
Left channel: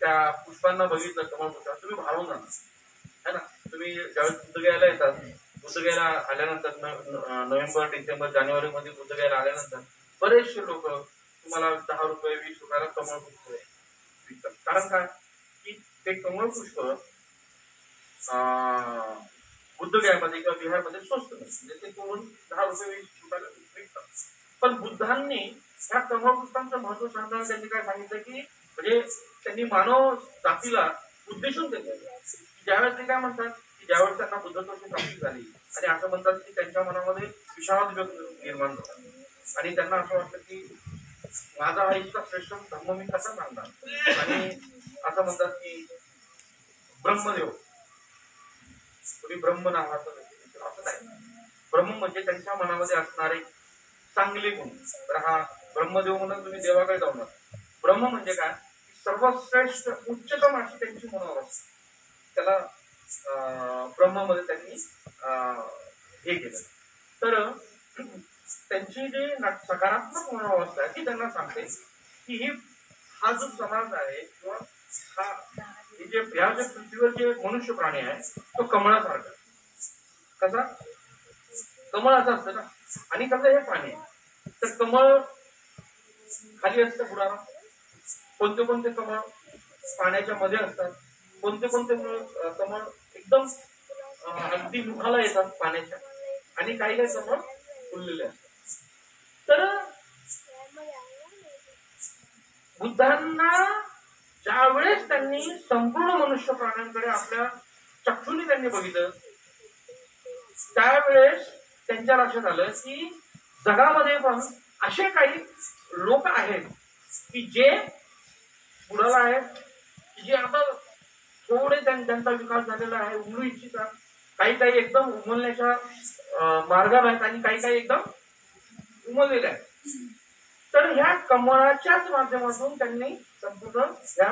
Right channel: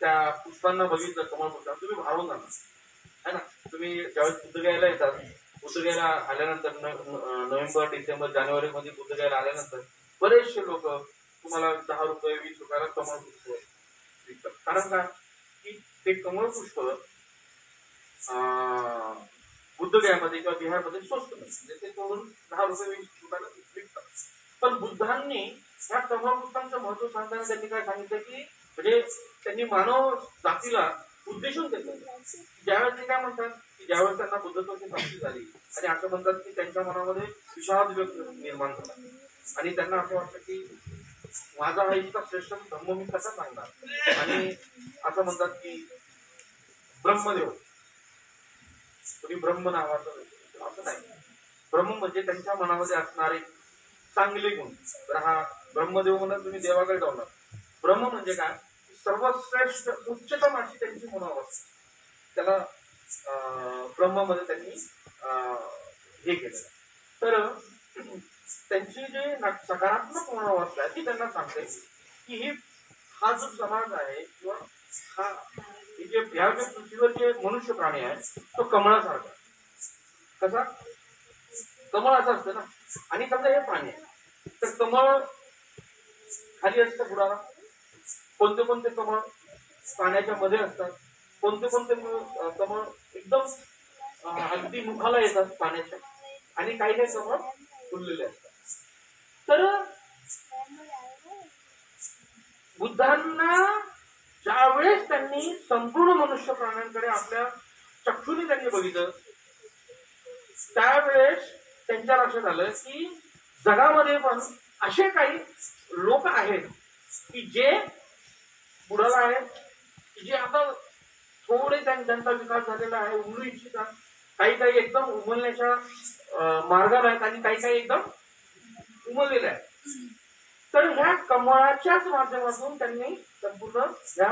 त्या पुष्पांना बघितलं, कमळ पुष्पांना, तुम्ही भावून जाणार है ना. तुम्ही ज्यावेळेस बुद्धगयाला येतात, बुद्धगयाला आल्यानंतर नोव्हेंबर, डिसेंबर, जानेवारी मध्ये बुद्धगयाला आल्यानंतर बरेचसे लोक तुम्हाला 10 रुपये 20 रुपयाला कमळ पुष्प विकतात. कारण काय की ते कमळ पुष्प बुद्धगयामध्ये किंवा बिहारमध्ये स्वस्त नसते, म्हणजे ते तोडून 10 रुपये 20 रुपयाला विकतात. पण बुद्धांनी ह्या कमळ पुष्पांचं महत्व सांगताना त्यांनी काय सांगितलं की, म्हणजे त्यांनी मानव जातीला उद्देशून ते ज्यावेळेस ते काय म्हणतात की ज्यावेळेस त्यांना बुद्धत्वाची प्राप्ती झाली आणि असं म्हणतात की त्यांच्या मनामध्ये विषाद निर्माण झाला आणि त्यांना असं वाटतं की माझा हा इतका श्रेष्ठ धर्म मी कसा सांगणार, आणि असं म्हणतात की ब्रह्मदेव, तुम्ही ब्रह्म नावाचं, असं नाही, ब्रह्म म्हणजे त्यांच्या मनामध्ये असणारे चांगले गुण. तर हा ब्रह्मदेव म्हणून तुम्ही देवाकडे जाऊ नका. ब्रह्म म्हणजे काय, सर्वश्रेष्ठ उच्चतम अशी त्यांची मनोअवस्था, त्याला ब्रह्ममध्ये त्यांनी हे केलं. तर त्यांची जे सकारात्मक मनोअवस्था आहे ती त्यांना सांगते की हा जो समाज आहे किंवा हा जे या जे पृथ्वीवर जे मनुष्य प्राणी आहे तो कमळासारखा. कसा कमळ असं असतं ना, आणि समजा हे प्राणी आहे तर कमळ खाली असतं बुडाला, कोणते कोणते कमळ पाण्याच्या मध्ये असतात, कोणते कोणते कमळ एकदम अगदी मुखाला येतात पाण्याच्या, आणि काही काही कमळ फुललेले असतात. तर बुद्धांना ज्यावेळेस त्यांनी संपूर्ण मनुष्य प्राण्यांकडे आपल्या चक्षुने त्यांनी बघितलं, त्यावेळेस त्यांच्या लक्षात आलं की जगामध्ये पण असे काही लोक आहेत की जे बुडाला आहेत, जे आता थोडे त्यांचा विकास झालेला आहे, उमलू इच्छितात, काही काही एकदम उमलण्याच्या मार्गाला आहेत आणि काही काही एकदम उमललेले आहेत. तर ह्या कमळाच्याच माध्यमातून त्यांनी संपूर्ण ह्या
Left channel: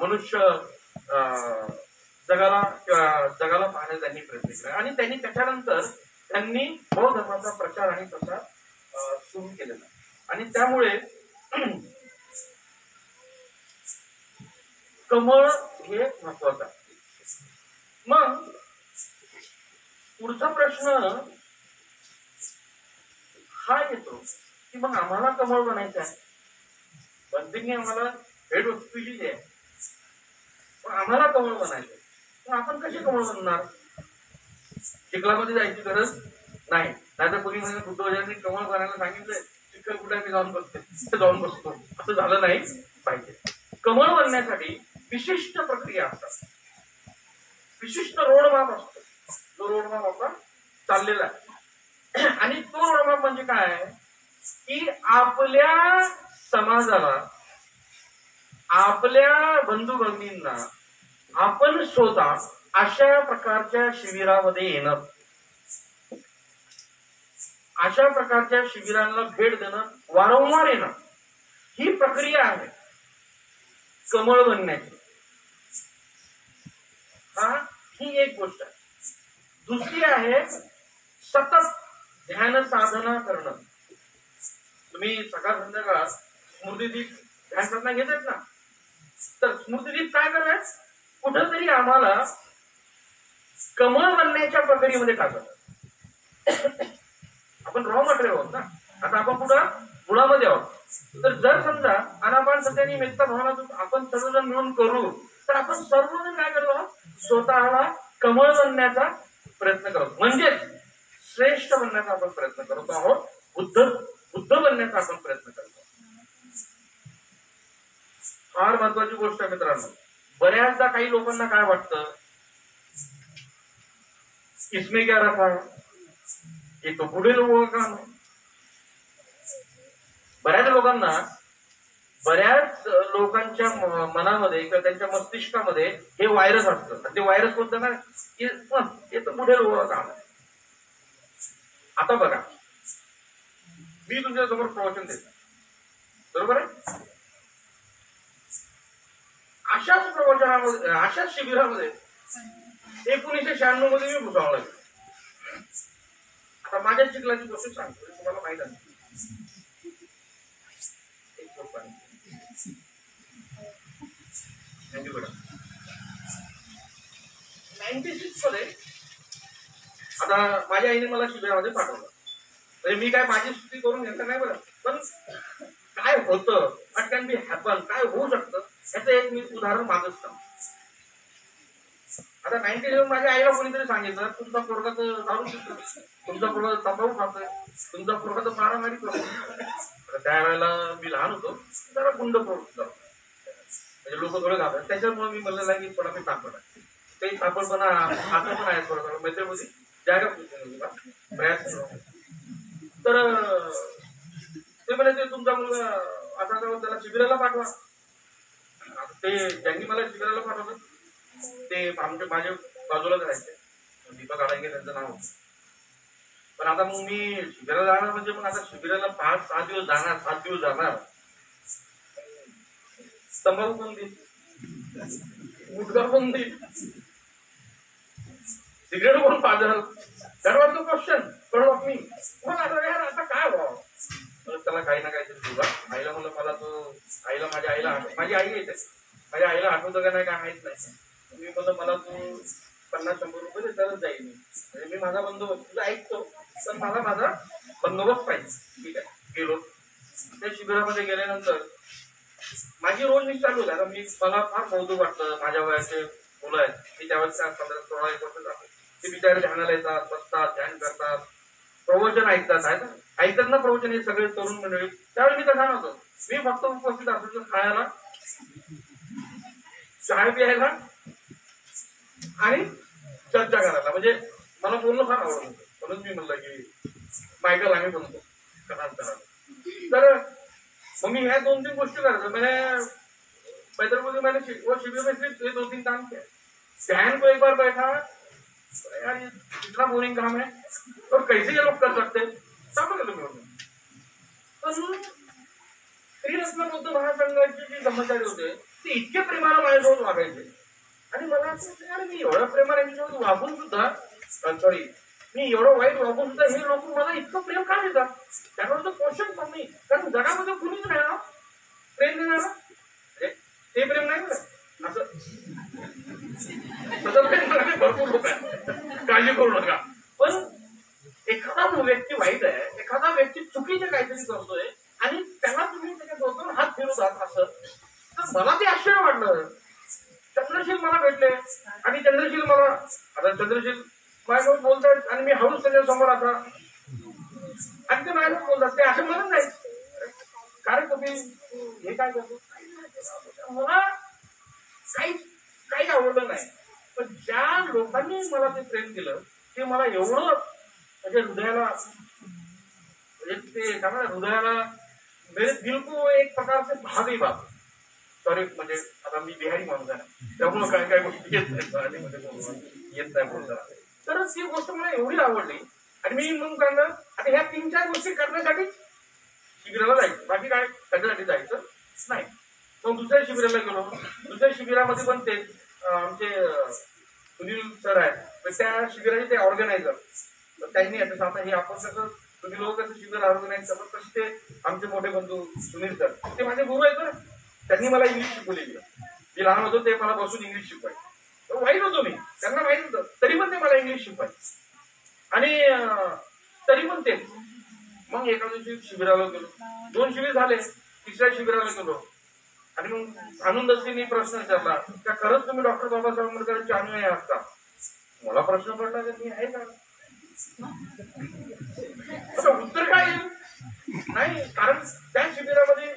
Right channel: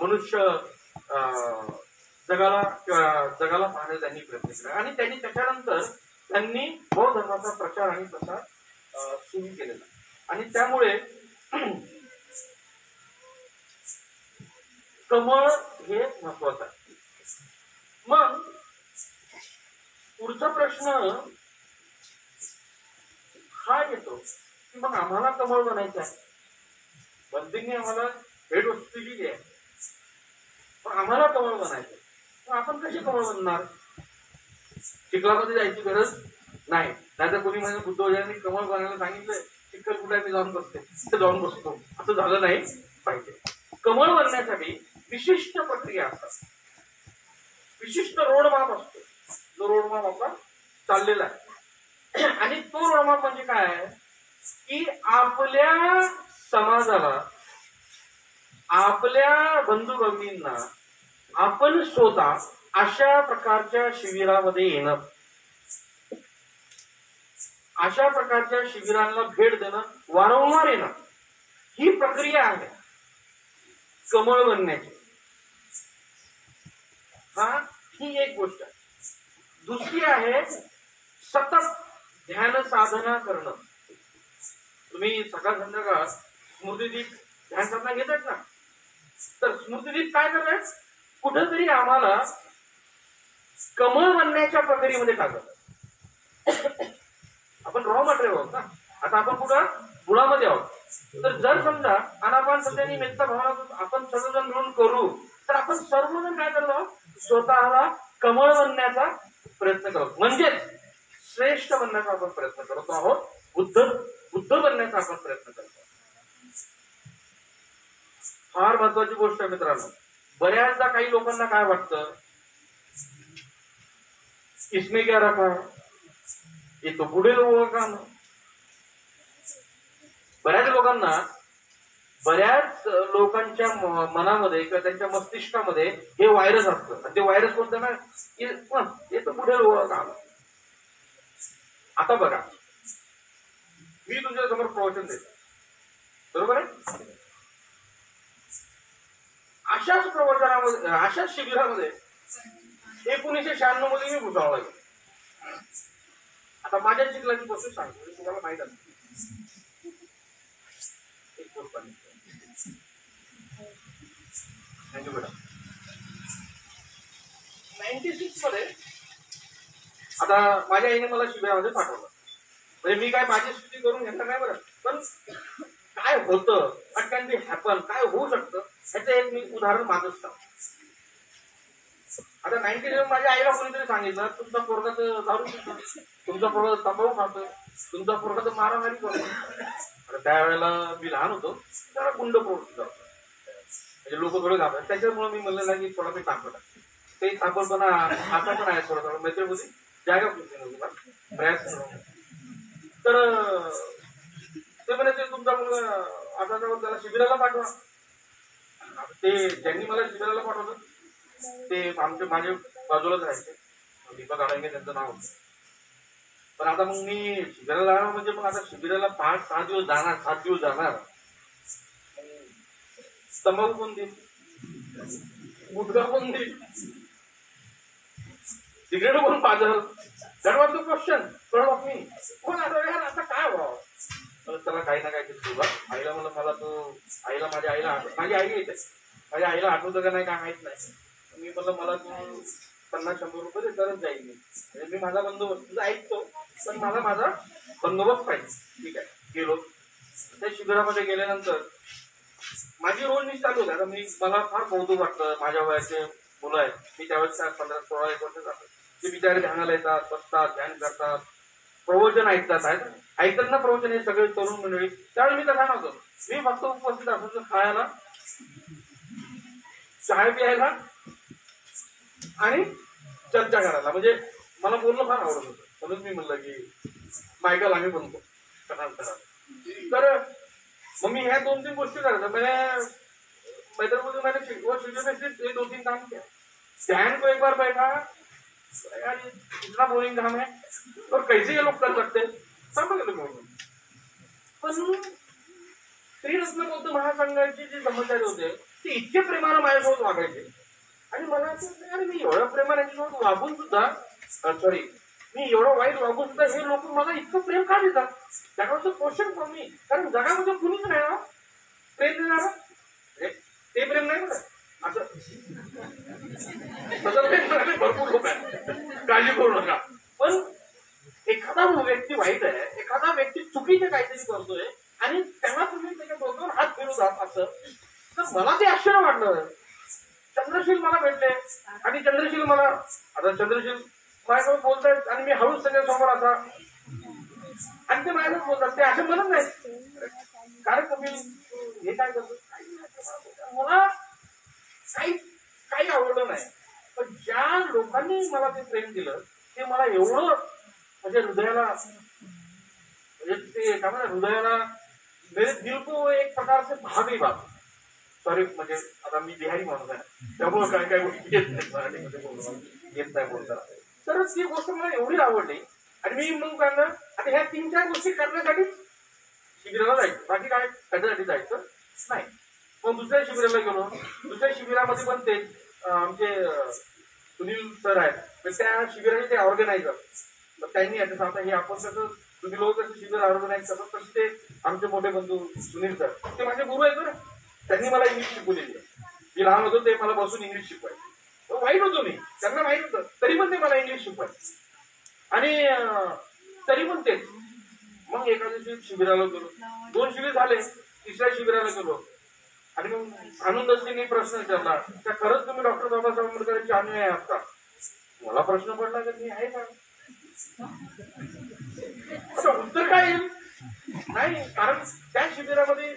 मनुष्य जगाला पाहण्याचा त्यांनी प्रयत्न केला, आणि त्यांनी त्याच्यानंतर त्यांनी बौद्ध धर्माचा प्रचार आणि प्रसार सुरू केलेला, आणि त्यामुळे कमळ हे महत्वाचं आहे. मग पुढचा प्रश्न हा येतो की मग आम्हाला कमळ बनायचं आहे, बंदिंग आम्हाला भेट वस्तूची जी आहे, पण आम्हाला कमळ बनायचं, पण आपण कसे कमळ बनणार? चिखलामध्ये जायची गरज नाही, नाहीतर कोणी म्हणजे बुद्धवजांनी कमळ बनायला सांगितलं, चिखल कुठे मी जाऊन बसते, तिथे जाऊन बसतो, असं झालं नाही पाहिजे. कमळ बनण्यासाठी विशिष्ट प्रक्रिया असतात, विशिष्ट रोडमॅप असतो, जो रोडमॅप आपला चाललेला आहे. आणि तो रोडमॅप म्हणजे काय की आपल्या समाजाला, आपल्या बंधू भगिनींना आपण स्वतः अशा प्रकारच्या शिबिरामध्ये येणं, अशा प्रकारच्या शिबिरांना भेट देणं, वारंवार येणं, ही प्रक्रिया आहे कमळ बनण्याची. ही एक गोष्ट आहे. दुसरी आहे सतत ध्यान साधना करणं. तुम्ही सकाळ संध्याकाळ स्मृतिदीप ध्यान साधना घेतात ना, तर स्मृतिदीप काय करतात, कुठंतरी आम्हाला कमळ बनण्याच्या प्रक्रियेमध्ये टाकतात. आपण रॉ मटेरियल आहोत ना, आता आपण कुठं गुळामध्ये आहोत. तर जर समजा अनापान सत्यानी मेत्ता भावना आपण सर्वजण मिळून करू, तर आपण सर्वजण काय करतो, स्वतःला कमळ बनण्याचा प्रयत्न करतो, म्हणजेच श्रेष्ठ बनण्याचा आपण प्रयत्न करतो आहोत, बुद्ध बनण्याचा आपण प्रयत्न करतो. फार महत्वाची गोष्ट आहे मित्रांनो. बऱ्याचदा काही लोकांना काय वाटतं, इसमें क्या रखा, ये तो बूढ़े लोगों का काम है. बऱ्याच लोकांच्या मनामध्ये किंवा त्यांच्या मस्तिष्कामध्ये हे व्हायरस असतं. ते व्हायरस कोणतं ना, हे तर बूढ़े लोगों का काम है. आता बघा, मी तुमच्या समोर प्रवचन देतो, बरोबर आहे. अशाच प्रवचनामध्ये, अशाच शिबिरामध्ये 1996 मध्ये मी भुसावळला गेलो. आता माझ्या चिखलाची गोष्ट सांगतो, तुम्हाला माहित आहे. एक गोष्ट 96 मध्ये आता माझ्या आईने मला शिबिरामध्ये पाठवलं. म्हणजे मी काय माझी स्तुती करून घेतलं नाही बरं, पण काय होतं, व्हॉट कॅन बी हॅपन, काय होऊ शकतं याचं एक मी उदाहरण माझंच सांगतो. आता 97 माझ्या आईला कोणीतरी सांगितलं, तुमचा पोरगा तर दारू पितो, तुमचा पोरगा तंबाखू खातोय, तुमचा पोरगा तर मारामारी करतो. त्यावेळेला मी लहान होतो, जरा गुंड प्रवृत्ती जातो, म्हणजे लोक थोडे घाबरतात. त्याच्यामुळे मी म्हणलं नाही की थोडा मी तापड आहे, काही तापडपणा आता पण आहे थोडा मित्र होती जागा प्रयास. तर ते म्हणायचे तुमचा मुलगा आता जाऊन त्याला शिबिराला पाठवा. ते ज्यांनी मला शिबिराला पाठवलं ते माझे बाजूलाच राहायचे, दीपक आडांगे त्यांचं नाव होतं. पण आता मग मी शिबिराला जाणार म्हणजे मग आता शिबिराला 5-6 दिवस जाणार, 7 दिवस जाणार. तंबाखू कोण देईल, गुटखा कोण देईल, सिगरेट कोण पाजल, त्यावर तो क्वेश्चन कळवा मी. मग आता काय व्हावं, त्याला काही ना काहीतरी तुझा आईला म्हणलं, मला तो आईला माझ्या आईला माझी आई येते, माझ्या आईला आठवतं का नाही काय माहित नाही. मी म्हणलं मला तू 50-100 रुपये दे, तरच जाईल मी, म्हणजे मी माझा बंदोबस्त तुझा ऐकतो, पण मला माझा बंदोबस्त पाहिजे. ठीक आहे, गेलो. त्या शिबिरामध्ये गेल्यानंतर माझी रोज मी चालू आहे. आता मला फार कौतुक वाटतं, माझ्या वयाचे मुलं आहेत, मी त्यावेळेस 15-16 वर्ष जातो. ते बिचारे ध्यानाला येतात, बसतात, ध्यान करतात, प्रवचन ऐकतात ना प्रवचन, हे सगळे तरुण मंडळी. त्यावेळी मी तसा नव्हतो, मी फक्त उपस्थित असायचो खायला, चहा प्यायला आणि चर्चा करायला. म्हणजे मला बोलणं फार आवडत होतं, म्हणून मी म्हणलं की मायकल आम्ही बनतो कालांतरात. तर मग मी ह्या 2-3 गोष्टी करायचं. म्हणजे पैदल मैंने शिविर में सिर्फ ये 2-3 काम किया. ध्यान को एक बार बैठा, यार इतना बोरिंग काम है और कैसे ये लोग कर सकते, समझ लो. पण श्रीरत्न बौद्ध महासंघाचे जे ब्रह्मचारी होते ते इतके प्रेमाने माझ्यासोबत वागायचे, आणि मला यार मी एवढ्या प्रेमाने यांच्यासोबत वागून सुद्धा, सॉरी मी एवढं वाईट वागून सुद्धा हे लोक मला इतकं प्रेम का देतात, त्याकडचं क्वेश्चन पण नाही. कारण जगामध्ये कुणीच नाही ना प्रेम देणार, ते प्रेम नाही बरं, असं तसं प्रेम करणारे भरपूर लोक आहेत, काळजी करू नका. पण एखादा व्यक्ती वाईट आहे, एखादा व्यक्ती चुकीचे काहीतरी करतोय आणि त्याला तुम्ही त्याच्या डोक्यावर हात फिरवतात असं, तर मला ते आश्चर्य वाटलं. चंद्रशील मला भेटले आणि चंद्रशील मला, आता चंद्रशील माझ्यासोबत बोलतात आणि मी हळूच त्याच्या समोर आता, आणि ते माझ्यासोबत बोलतात, ते असं म्हणत नाही कारण तुम्ही हे काय करतो, मला काही आवडलं नाही. पण ज्या लोकांनी मला ते प्रेम दिलं ते मला एवढं म्हणजे हृदयाला, म्हणजे ते काय म्हणतात हृदयाला, मेरे दिल को एक प्रकार से भावी बात. सॉरी म्हणजे आता मी बिहारी माणूस आहे त्यामुळे काय काय गोष्टी येत नाही मराठीमध्ये, येत नाही बोलता. तर ती गोष्ट मला एवढी आवडली आणि मी मग सांगणार आता ह्या 3-4 गोष्टी करण्यासाठी शिबिराला जायचं, बाकी काय त्याच्यासाठी जायचं नाही. मग दुसऱ्या शिबिराला गेलो. दुसऱ्या शिबिरामध्ये पण ते आमचे सुनील सर आहेत, तर त्या शिबिराचे ते ऑर्गनायझर, तर त्यांनी आता हे आपण कसं तुम्ही लोक कसं शिबिर ऑर्गनाईज करतात तसे ते आमचे मोठे बंधू सुनील सर, ते माझे गुरु आहेत बरं. त्यांनी मला इंग्लिश शिकवलेली, जे लहान होतो ते मला बसून इंग्लिश शिकवायचे. वाईट होतो मी, त्यांना माहित होतं तरी पण ते मला इंग्लिश शिकवायचे. आणि तरी पण तेच. मग एका दिवशी शिबिराला गेलो, 2 शिबिर झाले, 3ऱ्या शिबिराला गेलो आणि मग आनंदश्रींनी प्रश्न विचारला, त्या खरंच तुम्ही डॉक्टर बाबासाहेब आंबेडकरांचे अनुयायी आहात का? मला प्रश्न पडला की मी आहे का, उत्तर काय येईल नाही. कारण त्या शिबिरामध्ये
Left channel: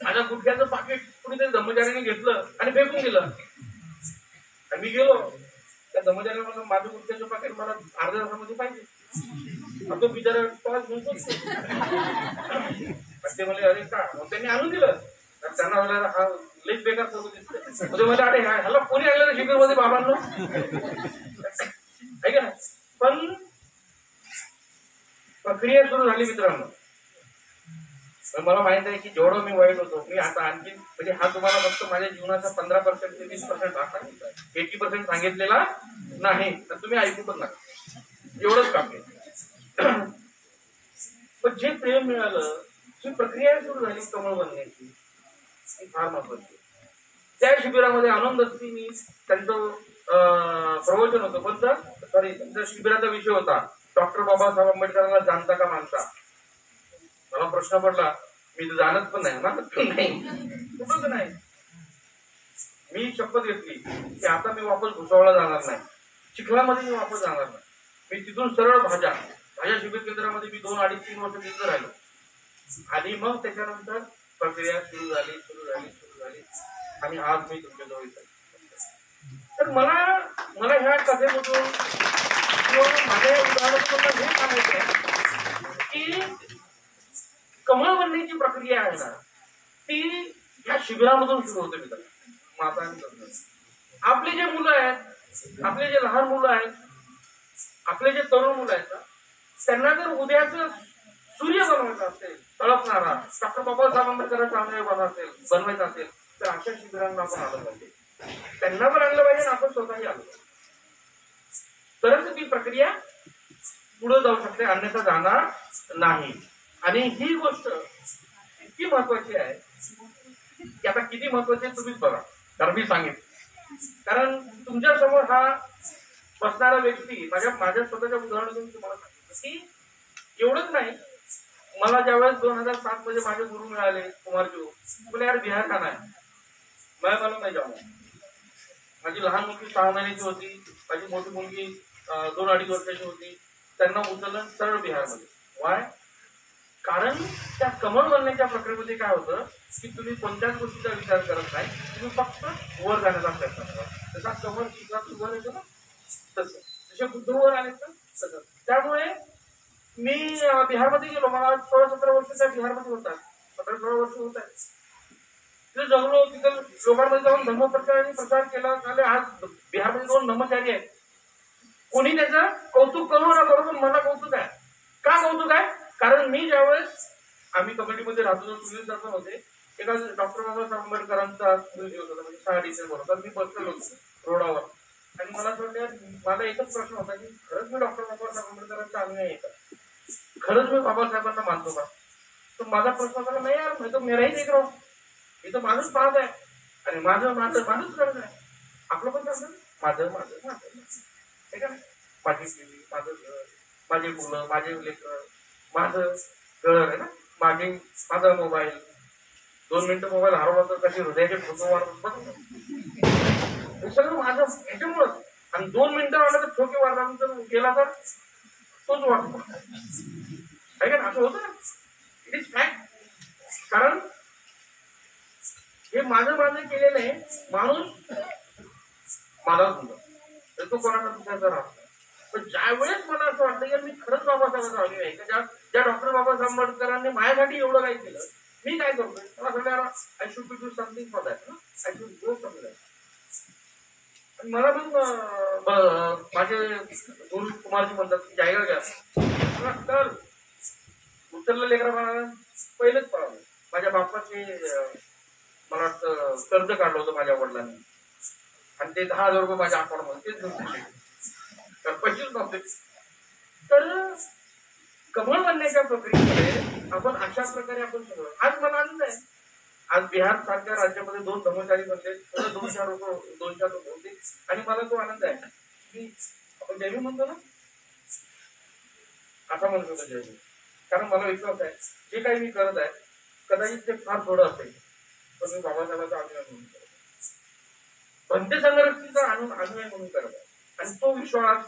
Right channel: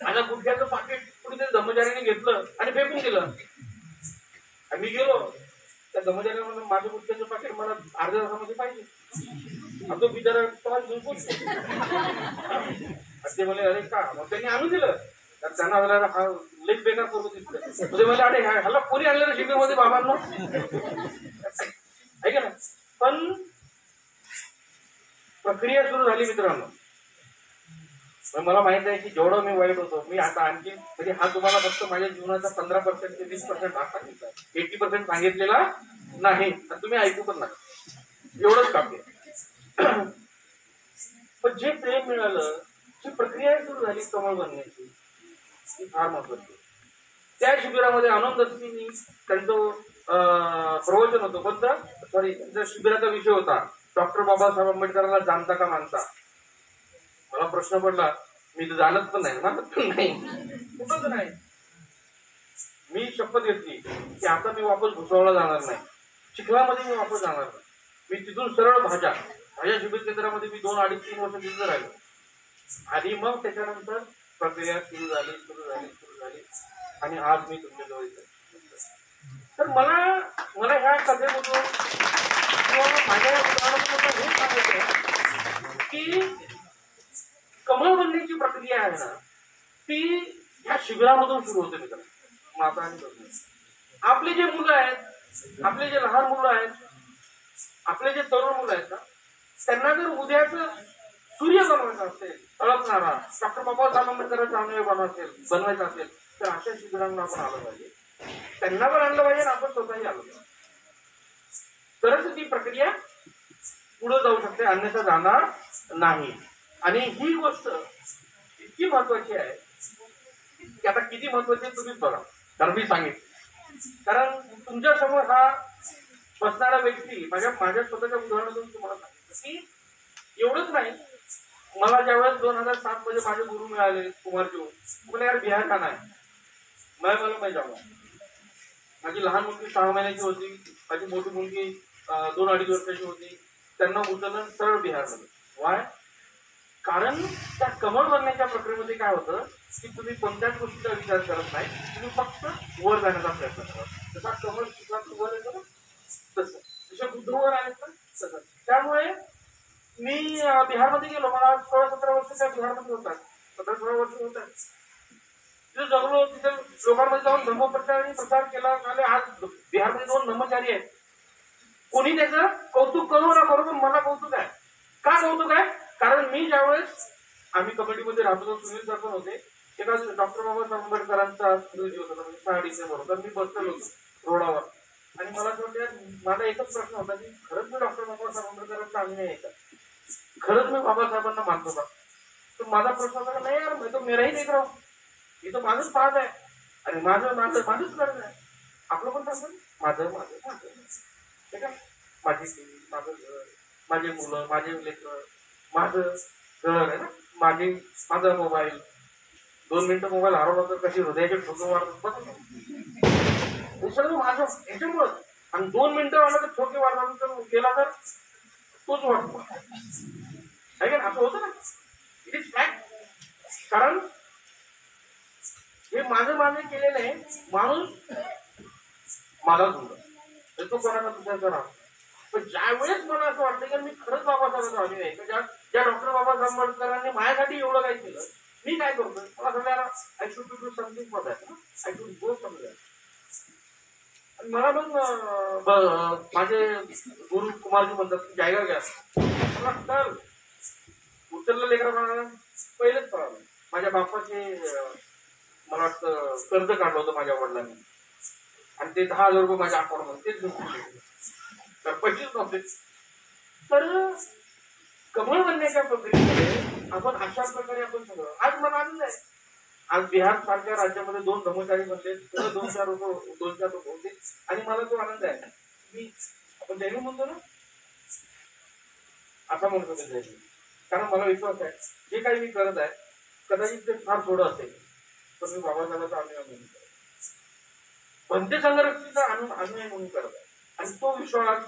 आता गुटख्याचं पाकिट कुणीतरी धर्मचाऱ्याने घेतलं आणि फेकून दिलं. आणि मी गेलो त्या धर्मचाऱ्याला म्हणलं माझं गुटख्याचं पाकिट मला अर्ध्या तासामध्ये पाहिजे. तो बिचारा टॉस घेऊन बसतो. ते म्हणे अरे का, मग त्यांनी आणून दिलं. त्यांना मला हा लेख बेकार फोटो दिसतो. ते म्हणे अरे ह्याला कोणी आणलं रे शिबिरमध्ये बाबांना, आहे का ना. पण प्रक्रिया सुरू झाली मित्रांनो. मला माहित आहे की जेवढं मी वाईट होतो, मी आता आणखी म्हणजे हा तुम्हाला फक्त माझ्या जीवनाचा 15% ते 20% भाग सांगितला, 80% सांगितलेला नाही. तुम्ही ऐकू पण नका, एवढंच काफी. पण जे प्रेम मिळालं, जी प्रक्रिया सुरू झाली कमळ बनण्याची, ती फार महत्वाची. त्या शिबिरामध्ये आनंद असती मी त्यांचं प्रवचन होतं. कोणतं सॉरी त्यांच्या शिबिराचा विषय होता डॉक्टर बाबासाहेब आंबेडकरांना जाणता का मानता. मला प्रश्न पडला, मी तर जाणत पण नाही, मानत पण नाही, कुठंच नाही. मी शपथ घेतली की आता मी वापस भुसावळला जाणार नाही, चिखलामध्ये मी वापस जाणार नाही. मी तिथून सरळ भाज्या शिबिर केंद्रामध्ये मी 2-3 वर्ष तिथं राहिलो. आणि मग त्याच्यानंतर प्रक्रिया सुरू झाली आणि आज मी तुमच्याजवळ येतो. तर मला ह्या कथेमधून किंवा माझ्या उदाहरणातून हे सांगायचं आहे की कमळ बनण्याची प्रक्रिया आहे ना, ती ह्या शिबिरामधून सुरू होते मित्रांनो. माता आणि तरुण, आपले जे मुलं आहेत, आपले जे लहान मुलं आहेत, आपले जे तरुण मुलं आहेत ना, त्यांना जर उद्याचं सूर्य बनवायचं असेल, तळपणारा डॉक्टर बाबासाहेब आंबेडकरांचा अनुयायी बनवायचा असेल, तर अशा शिबिरांना आपण आलं पाहिजे. त्यांना पण आणलं पाहिजे, आपण स्वतःही आलो पाहिजे. तरच ती प्रक्रिया पुढे जाऊ शकते, अन्यथा जाणार नाही. आणि ही गोष्ट इतकी महत्वाची आहे की आता किती महत्वाची आहे तुम्हीच बघा. कारण मी सांगितलं, कारण तुमच्या समोर हा बसणारा व्यक्ती माझ्या स्वतःच्या उदाहरणातून तुम्हाला सांगितलं की एवढंच नाही. मला ज्यावेळेस 2007 मध्ये माझे गुरु मिळाले कुमारजी, बोले यार बिहार का नाही, मला नाही जाऊ. माझी लहान मुलगी 6 महिन्याची होती, माझी मोठी मुलगी 2-2.5 वर्षाची होती. त्यांना उचललं सरळ बिहारमध्ये. वाय? कारण त्या कमळ बनण्याच्या प्रक्रियेमध्ये काय होतं की तुम्ही कोणत्याच गोष्टीचा विचार करत नाही, तुम्ही फक्त वर जाण्याचा प्रयत्न करा. जसा कमळ शिखरात वर येतो ना, तसं जसे बुद्ध वर आले तर तसं. त्यामुळे मी बिहारमध्ये गेलो. मला 16-17 वर्ष त्या बिहारमध्ये होतात, 15-16 वर्ष होत आहेत. तिथे जगलो, तिथे लोकांमध्ये जाऊन धर्मप्रचार केला. आज बिहारमध्ये 2 ब्रह्मचारी आहेत. कोणी त्याचं कौतुक करू ना करू, पण मला कौतुक आहे. का कौतुक आहे? कारण मी ज्यावेळेस आम्ही कमिटीमध्ये राहतो, सुनील सर पण होते. एका डॉक्टर बाबासाहेब आंबेडकरांचा दिवस होता, म्हणजे 6 डिसेंबर होता. मी बसलेलो होतो रोडावर आणि मला एकच प्रश्न होता की खरंच मी डॉक्टर बाबासाहेब आंबेडकरांचा अनुयायी आहे का, खरंच मी बाबासाहेबांना मानतो का. तर माझा प्रश्न होता नाही यार, मी तर मेराही देख रहा हूं, मी तर माझंच पाहत आहे आणि माझंच लग्न आहे. आपलं पण सांगतो माझं ठीक आहे. माझी पिढी, माझं घर, माझी मुलं, माझे लेकर, माझं घर आहे ना, माझा मोबाईल. 2 मिनिटं मोबाईल हरवला तर कशी हृदयाचे ठोके वाढतात, हे सगळं माझं याच्यामुळं. आणि 2 मिनिटं आलं तर ठोके वाढल्यानंतर गेला तर तोच वाटतो, आहे का ना, असं होतं ना. It is fact. कारण हे माझं केलेलं आहे. माणूस माझाच मुलं, तो कोणाचा दुसऱ्याचा राहतो. पण ज्या वेळेस मला असं वाटतं की मी खरंच बाबासाहेबांचा अनुयायी आहे का, ज्या डॉक्टर बाबासाहेब आंबेडकरांनी माझ्यासाठी एवढं काही केलं, मी काय करतोय, मला सगळ्यांना I should be do something for that, I should go somewhere. आणि मला मग माझे गुरु कुमारजी म्हणतात की जायगा घ्या तर उचललं लेकरा पहिलेच पळालं. माझ्या बापाचे मला वाटतं कर्ज काढलं होतं माझ्या वडिलांनी आणि ते 10,000 रुपये माझ्या अकाउंटमध्ये तेच घेऊन तर पैसेच नव्हते. तर कमळ बनण्याच्या प्रक्रियेमध्ये आपण अशा प्रकारे आपण सगळं. आज मला आनंद आहे, आज बिहार सारख्या राज्यामध्ये 2 ब्रह्मचारी बनले, 2-4 लोक होते आणि मला तो आनंद आहे की आपण जैन म्हणतो ना, असा म्हणतो जैन. कारण मला विश्वास आहे जे काही मी करत आहे कदाचित ते फार थोडं असेल, पण मी बाबासाहेबांचा अनुयाय म्हणून करत आहे, भंते संघरक्षीचा अनुयाय म्हणून करत आहे. आणि तो विश्वास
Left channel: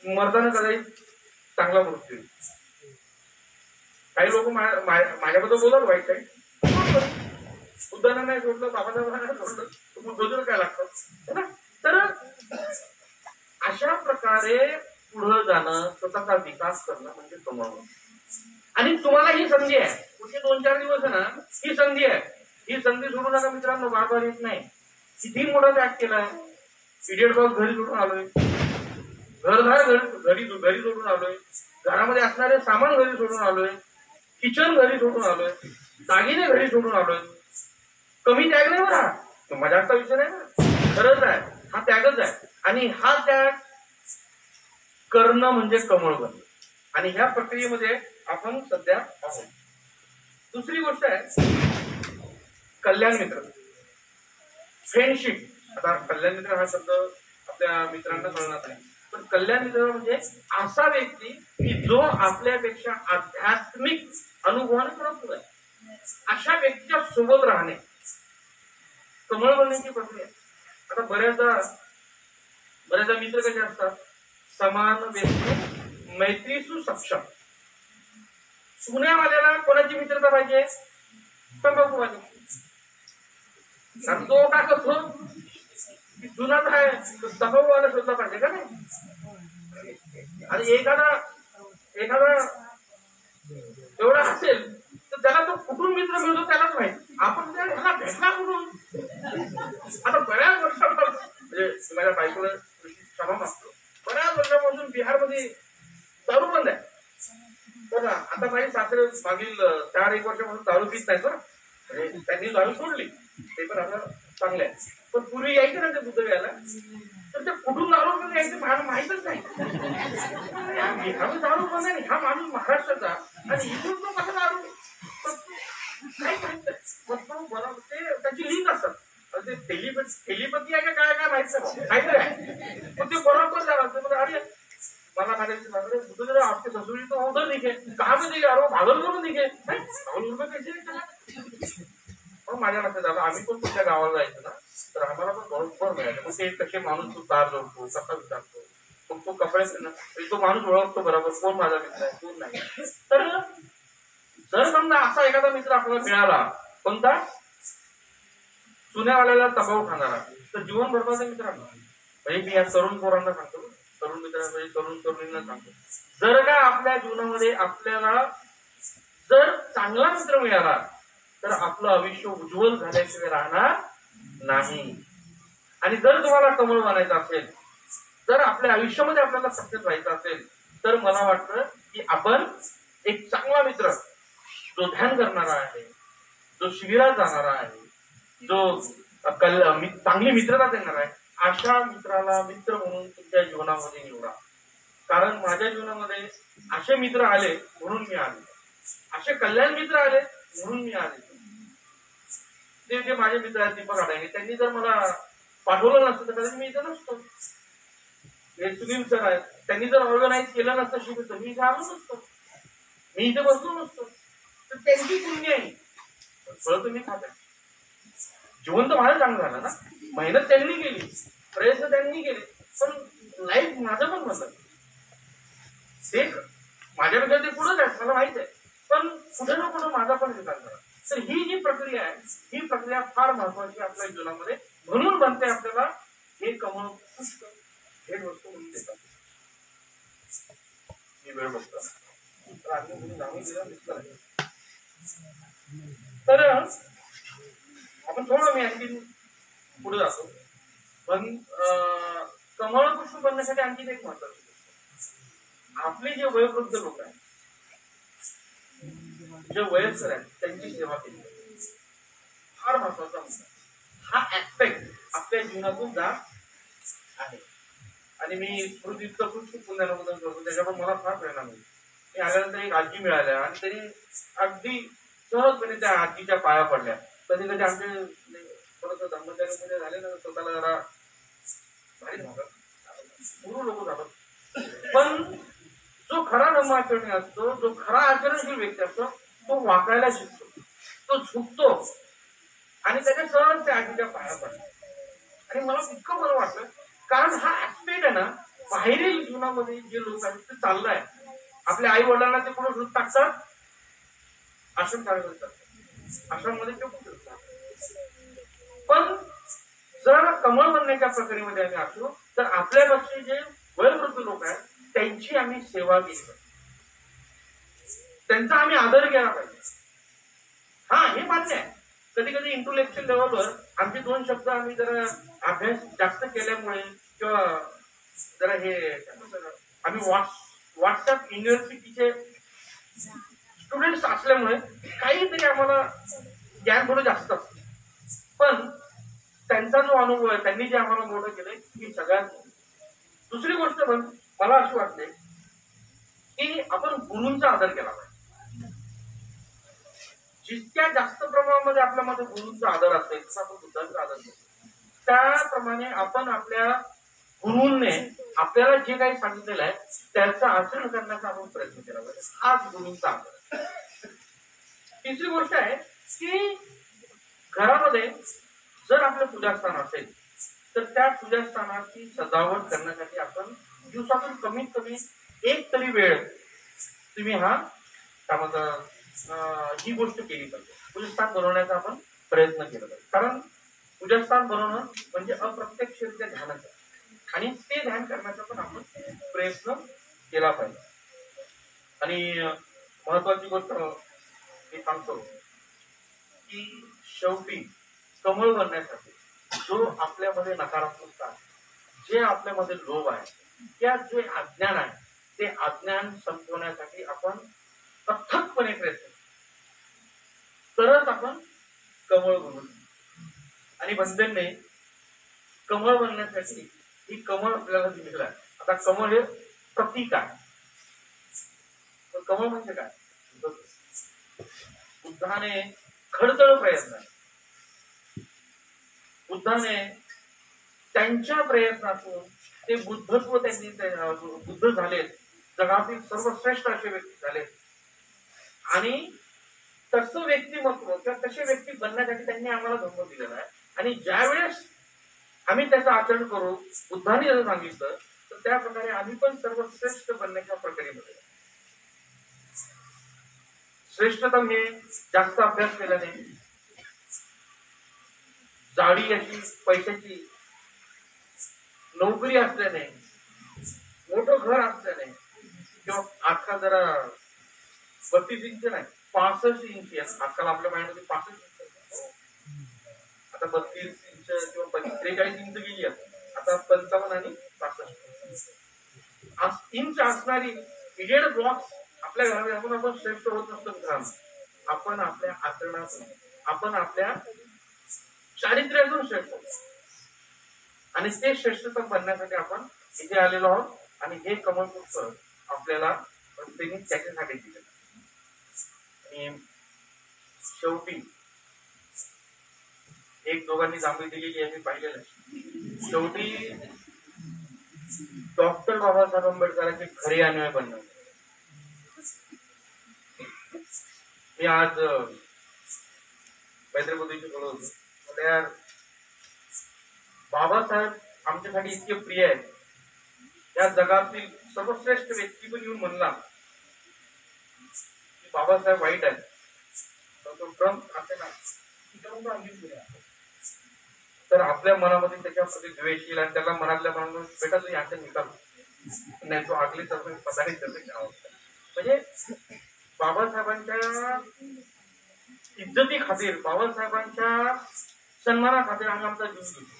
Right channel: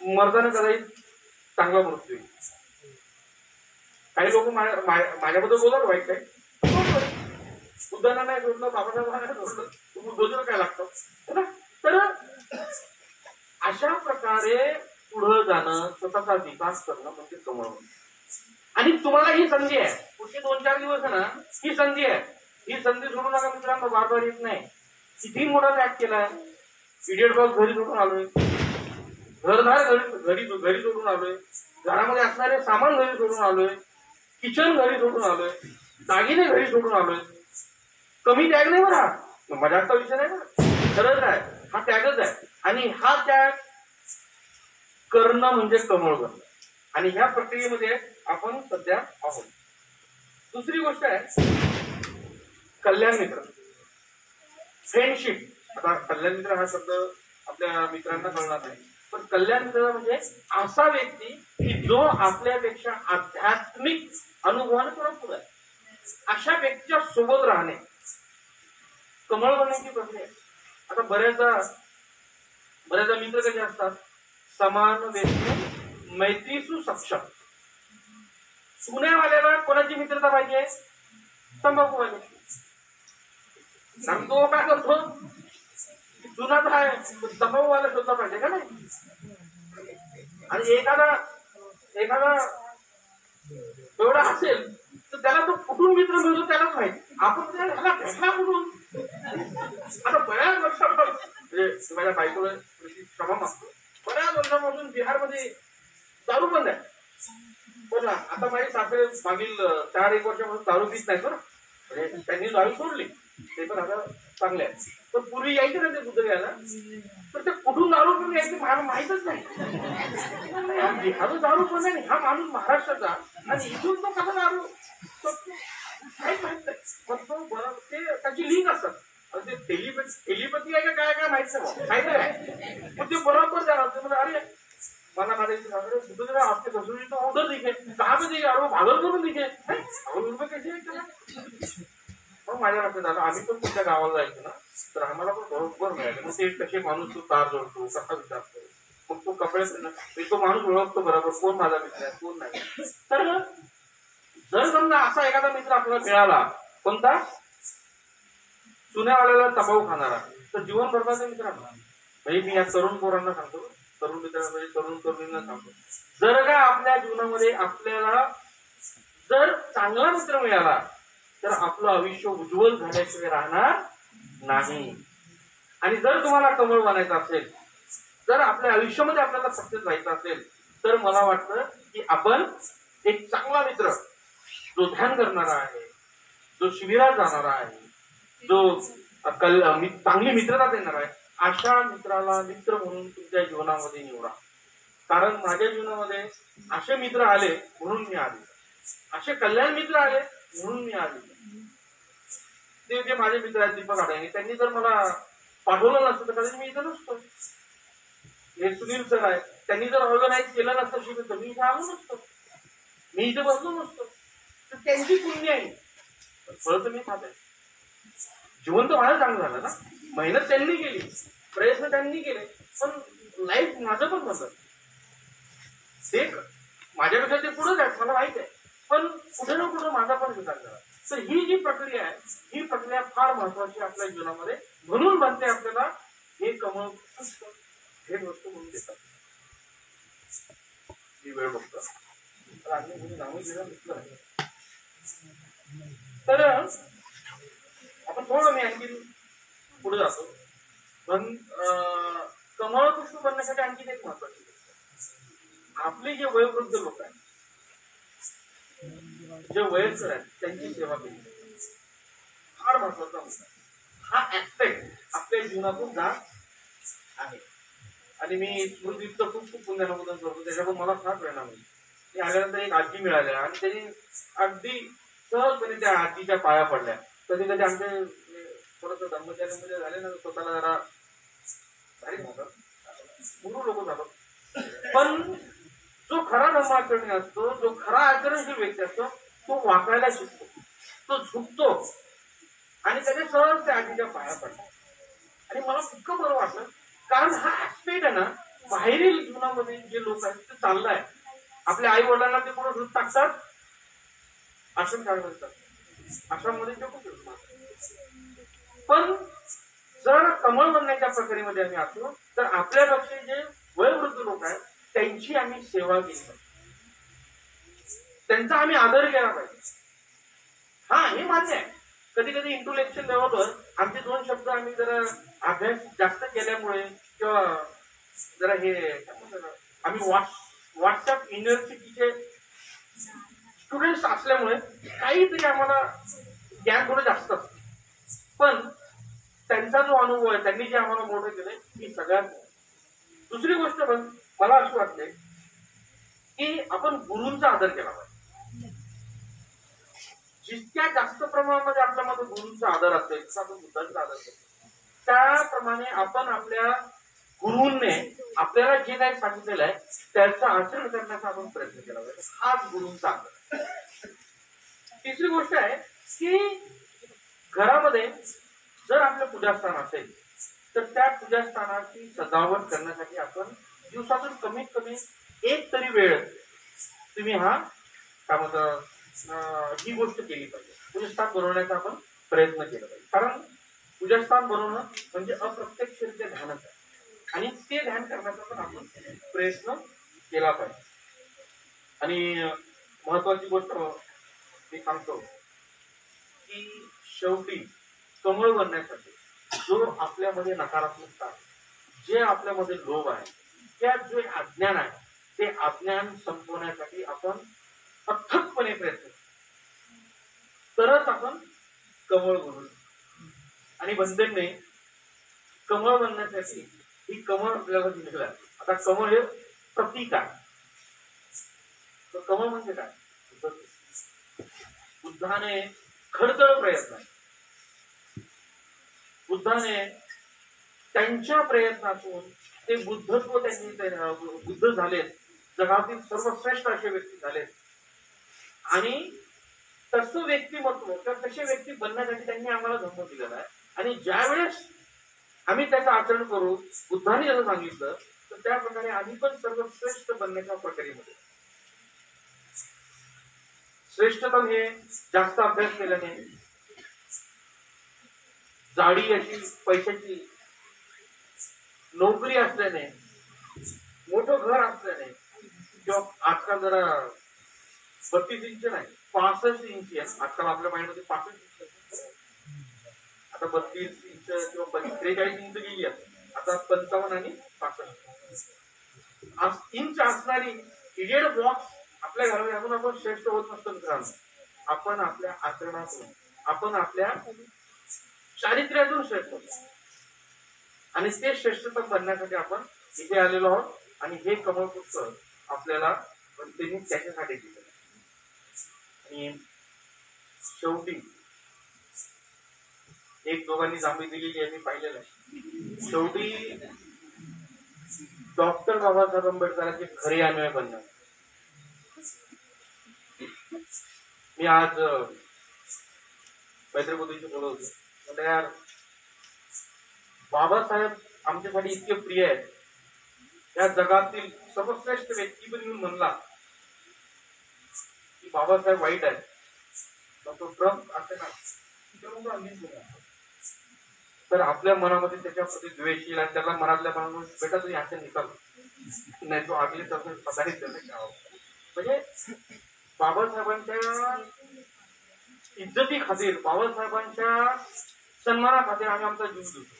मर्दानं कदाचित चांगला मृत्यू. काही लोक माझ्याबद्दल बोलतात वाईट काही, बुद्धांना नाही सोडलं, बाबासाहेबांना नाही सोडलं, तुम्ही बोलून काय लागतं. तर अशा प्रकारे पुढे जाणं, स्वतःचा विकास करणं म्हणजे कमवणं. आणि तुम्हाला ही संधी आहे, पुढचे 2-4 दिवस आहे ना, ही संधी आहे. ही संधी सोडू नका मित्रांनो, बारबार येत नाही. किती मोठा त्याग केलाय. इडियट बॉक्स घरी सोडून आलोय, घरदार घरी सोडून आलोय, घरामध्ये असणारे सामान घरी सोडून आलोय, किचन घरी सोडून आलोय, दागिने घरी सोडून आलोय. कमी त्याग नाही बरं, हा मजाकचा विषय नाही बरं, खरंच आहे, हा त्यागच आहे. आणि हा त्याग करणं म्हणजे कमळ करणं. आणि ह्या प्रक्रियेमध्ये आपण सध्या आहोत. दुसरी गोष्ट आहे कल्याण मित्र, फ्रेंडशिप. आता कल्याण मित्र हा शब्द आपल्या मित्रांना कळणार नाही, पण कल्याण मित्र म्हणजे असा व्यक्ती की जो आपल्यापेक्षा आध्यात्मिक अनुभवाने थोडा पुढे आहे. अशा व्यक्तीच्या सोबत राहणे कमळ बनण्याची प्रक्रिया. आता बऱ्याचदा मित्र कसे असतात, समान व्यक्ती मैत्रीसु सक्षम. पुण्यावाल्याला कोणाची मित्रता पाहिजे, तंबाखूवाले. तो काय करतो, जुना काय तंबाखूवाला शोधला पाहिजे का नाही. आणि एखादा एवढा असेल तर त्याला तो कुठून मित्र मिळतो त्यालाच माहिती. आपण ह्याला भेटला कुठून. आता बऱ्याच वर्षापासून म्हणजे माझ्या बायकोला क्षमा मागतो, बऱ्याच वर्षापासून बिहारमध्ये दारू बंद आहे. पण आता माझी सासरे मागील 4-1 वर्षापासून दारू पित नाही बरं, म्हणजे त्यांनी दारू सोडली, ते पण आता चांगले आहे. पण पूर्वी यायचे ना ते बुद्ध घ्यायला, तर ते कुठून दारू पिऊन यायचे मला माहितच नाही. बिहारमध्ये दारू बंद आहे, हा माणूस महाराष्ट्राचा आणि इथून तो कसा दारू काय माहित नाही. ते त्याची लिंक असतात, ते टेलिपॅथी आहे का काय माहित नाही, पण ते बरोबर जाणार. अरे मला करायचं, अरे बुद्ध जरा आपके ससुरी तो उधर दिखे, कहाँ पे दिखे, अरे भागलपुर में दिखे, भागलपुर में कैसे. मग माझ्या लक्षात आलं, आम्ही पण तुमच्या गावाला जायचो ना, तर आम्हाला पण बरोबर मिळालं. मग ते कसे माणूस तू कार जोडतो, कसा विचारतो, मग तो कपडे तो माणूस ओळखतो बरोबर, कोण माझा मित्र आहे कोण नाही. तर जर समजा असा एखादा मित्र आपल्याला मिळाला, कोणता, चुन्यावाल्याला तंबाखू खाणारा, तर जीवन भरपाचा मित्र आहे. म्हणजे मी या तरुण पोरांना सांगतो, तरुण मित्रांना, तरुण तरुणींना सांगतो, जर का आपल्या जीवनामध्ये आपल्याला जर चांगला मित्र मिळाला तर आपलं आयुष्य उज्ज्वल झाल्याशिवाय राहणार नाही. आणि जर तुम्हाला कमळ बनायचं असेल, जर आपल्या आयुष्यामध्ये आपल्याला सक्सेस व्हायचं असेल, तर मला वाटतं की आपण एक चांगला मित्र, जो ध्यान करणारा आहे, जो शिबिरात जाणारा आहे, जो चांगली मित्रता देणार आहे, अशा मित्राला मित्र म्हणून तुमच्या जीवनामध्ये निवडा. कारण माझ्या जीवनामध्ये असे मित्र आले म्हणून मी आले, असे कल्याण मित्र आले म्हणून मी आले. ते जे माझे मित्र आहेत दीपक आडे, त्यांनी जर मला पाठवलं नसतं तर कधी मी इथं नसतो. हे सुनील सर आहेत, त्यांनी जर ऑर्गनाईज केलं नसतं शिबिर तर मी इथे आलो नसतो, मी इथे बसलो नसतो. तर त्यांची पुण्य आहे, फळ तर मी खात आहे. जीवन तर माझं चांगलं झालं ना, मेहनत त्यांनी केली, प्रयत्न त्यांनी केले, पण लाईफ माझं पण बदल. ते माझ्यापेक्षा ते पुढेच आहेत मला माहित आहे, पण कुठे ना कुठे माझा पण विकास झाला. तर ही जी प्रक्रिया आहे, ही प्रक्रिया फार महत्वाची आपल्या जीवनामध्ये. म्हणून बनते आपल्याला हे कमव भेट वस्तू म्हणून देतात. ही वेळ बघतो तर आपण थोडं मी आणखी पुढे जातो. पण कमळ पुष्प बनण्यासाठी आणखी एक महत्वाची गोष्ट, आपले जे वयोवृद्ध लोक आहेत, जे वयस्कर आहेत, त्यांची सेवा केली फार महत्वाचा मुद्दा. हा ऍस्पेक्ट आपल्या जीवनातून जात आहे. आणि मी स्मृतीचं खूप पुण्याबद्दल करतो, त्याच्याकडून मला फार प्रेरणा मिळते. मी आल्यानंतर एक आजी मिळाल्या आणि त्यांनी अगदी सहजपणे त्या आजीच्या पाया पडल्या. कधी कधी आमचे थोडस धर्मचार्यामध्ये झाले ना, स्वतःला जरा भारी गुरु लोक झालो. पण जो खरा धर्माचरणी असतो, जो खरा आचरणशील व्यक्ती असतो, तो वाकायला शिकतो, तो झुकतो आणि त्याच्या सहज त्या आजीच्या पाया पडतात. आणि मला इतकं बरं वाटलं, कारण हा ऍस्पेक्ट आहे ना, बाहेरील जीवनामध्ये जे लोक आहेत ते चाललंय. आपल्या आई वडिलांना ते कुठं दूध टाकतात, आश्रम चालू करतात, आश्रममध्ये ते खूप कमळ बनण्याच्या प्रक्रियेमध्ये आम्ही असलो तर आपल्यापेक्षा जे वयोवृद्ध लोक आहेत त्यांची आम्ही सेवा केली पाहिजे, त्यांचा आम्ही आदर केला पाहिजे. हा, हे मान्य आहे. कधी कधी इंटेलेक्च्युअल लेवलवर आमचे दोन शब्द आम्ही जरा अभ्यास जास्त केल्यामुळे किंवा जरा हे आम्ही व्हॉट्सअप युनिव्हर्सिटीचे स्टुडंट्स असल्यामुळे काहीतरी आम्हाला ज्ञान थोडं जास्त असतं. पण त्यांचा जो अनुभव आहे, त्यांनी जे आम्हाला मोठं केलंय ही सगळ्यात. दुसरी गोष्ट पण मला अशी वाटते की आपण गुरूंचा आदर केला पाहिजे. जितक्या जास्त प्रमाणामध्ये आपल्यामध्ये गुरूंचा आदर असेल तसा आपण बुद्धांचा आदर करतो. त्याप्रमाणे आपण आपल्या गुरूंनी आपल्याला जे काही सांगितलेलं आहे त्याचं आचरण करण्याचा आपण प्रयत्न केला पाहिजे. हाच गुरूंचा आदर. तिसरी गोष्ट आहे की घरामध्ये जर आपलं पूजास्थान असेल तर त्या पूजास्थानाची सजावट करण्यासाठी आपण दिवसातून कमीत कमी एक तरी वेळ तुम्ही ही गोष्ट केली पाहिजे. पूजास्थान बनवण्याचा आपण प्रयत्न केला पाहिजे. कारण पूजास्थान बनवणं म्हणजे अप्रत्यक्षरित्या ध्यानच आहे आणि ते ध्यान करण्याचा पण आपण प्रयत्न केला पाहिजे. आणि महत्वाची गोष्ट मी सांगतो की शेवटी कमळ बनण्यासाठी जो आपल्यामध्ये नकारात्मकता, जे आपल्यामध्ये लोभ आहे, त्या जे अज्ञान आहे ते अज्ञान संपवण्यासाठी आपण अथकपणे प्रयत्न तरच आपण कमळ बनू. आणि बंधनने कमळ बनण्यासाठी ही कमळ आपल्याला दिलेलं आहे. आता कमळ हे प्रतीक आहे. तर कमळ म्हणजे काय? बुद्धाने खडतर प्रयत्न आहे. बुद्धाने त्यांच्या प्रयत्नातून ते बुद्धत्व त्यांनी बुद्ध झालेत, जगातील सर्वश्रेष्ठ असे व्यक्ती झालेत. आणि तसं व्यक्तिमत्व किंवा तसे व्यक्ती बनण्यासाठी त्यांनी आम्हाला धम्म दिलेला आहे. आणि ज्या वेळेस आम्ही त्याचं आचरण करू, बुद्धांनी जसं सांगितलं तर त्या प्रकारे आम्ही पण सर्वश्रेष्ठ बनण्याच्या प्रक्रियेमध्ये. श्रेष्ठतम हे जास्त अभ्यास केल्याने, जाडी अशी पैशाची नोकरी असल्याने, मोठं घर असल्याने, किंवा आजकाल जरा 32 इंच नाही 65 इंच आहे. आजकाल आपल्या माइंडमध्ये 65 इंच, आता 32 इंच किंवा 43 इंच गेली. आता 55 आणि 65 इंच असणारी इडियट बॉक्स आपल्या घरामध्ये असून आपण श्रेष्ठ होत नसतो मित्रांनो. आपण आपल्या आचरणातून, आपण आपल्या चारित्र्यातून श्रेष्ठ होतो. आणि ते श्रेष्ठतम बनण्यासाठी आपण इथे आलेलो आहोत. आणि हे कमळपुष्प आपल्याला त्यांनी त्याच्यासाठी दिलेलं. आणि शेवटी एक दोघांनी जांभळी दिलेली आहे, मी पाहिलेलं आहे. शेवटी डॉक्टर बाबासाहेब आंबेडकरांचे खरे अन्वय बनणार. मी आज मैत्रीबुद्धीशी बोलत होतो. म्हणजे यार बाबासाहेब आमच्यासाठी इतके प्रिय आहेत. या जगातील सर्वश्रेष्ठ व्यक्ती पण येऊन म्हणला की बाबासाहेब वाईट आहेत, तो ट्रम्प असे ना, तर आपल्या मनामध्ये त्याच्याप्रती द्वेष येईल आणि त्याला मनातल्या मनातून बेटा तुझी यांचा निकाल नाही, तो आगली पदाने त्याचं गाव. म्हणजे बाबासाहेबांच्या इज्जती खातीर, बाबासाहेबांच्या सन्माना खातीर आम्ही आमचा जीव देतो.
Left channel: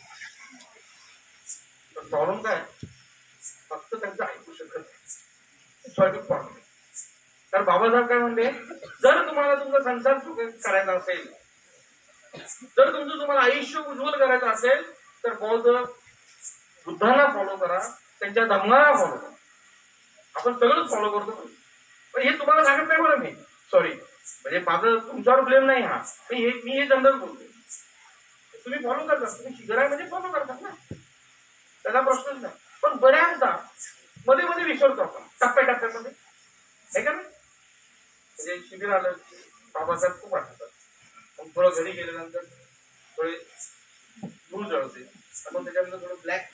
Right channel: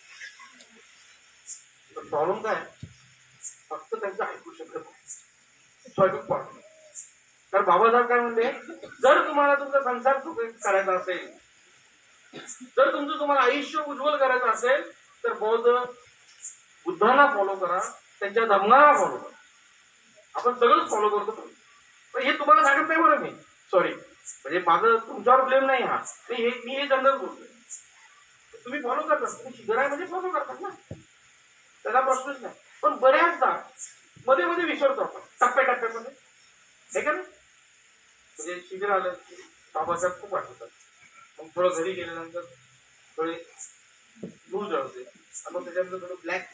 पण प्रॉब्लेम काय, फक्त त्यांचं ऐकू शकत नाही. तर बाबासाहेब काय म्हणले, जर तुम्हाला तुमचा संसार सुखी करायचा असेल, जर तुम्हाला आयुष्य उज्ज्वल करायचं असेल तर बुद्धांना फॉलो करा, त्यांच्या धम्माला फॉलो करा. आपण सगळंच फॉलो करतो. पण हे तुम्हाला सांगत नाही बरं मी, सॉरी, म्हणजे माझं तुमच्यावर ब्लेम नाही हा, मी हे जनरल बोलतोय. तुम्ही फॉलो करता, तुम्ही शिगरामध्ये फॉलो करतात ना, त्याला प्रश्नच नाही. पण बऱ्याचदा मध्ये मध्ये विसरतो आपण टप्प्याटप्प्यामध्ये, हे का नाही. म्हणजे शिबिर आलं की बाबासाहेब खूप आठवतात. मग थोडं घरी गेल्यानंतर थोडे ब्लू जळते, मग त्याच्यानंतर थोडं ब्लॅक,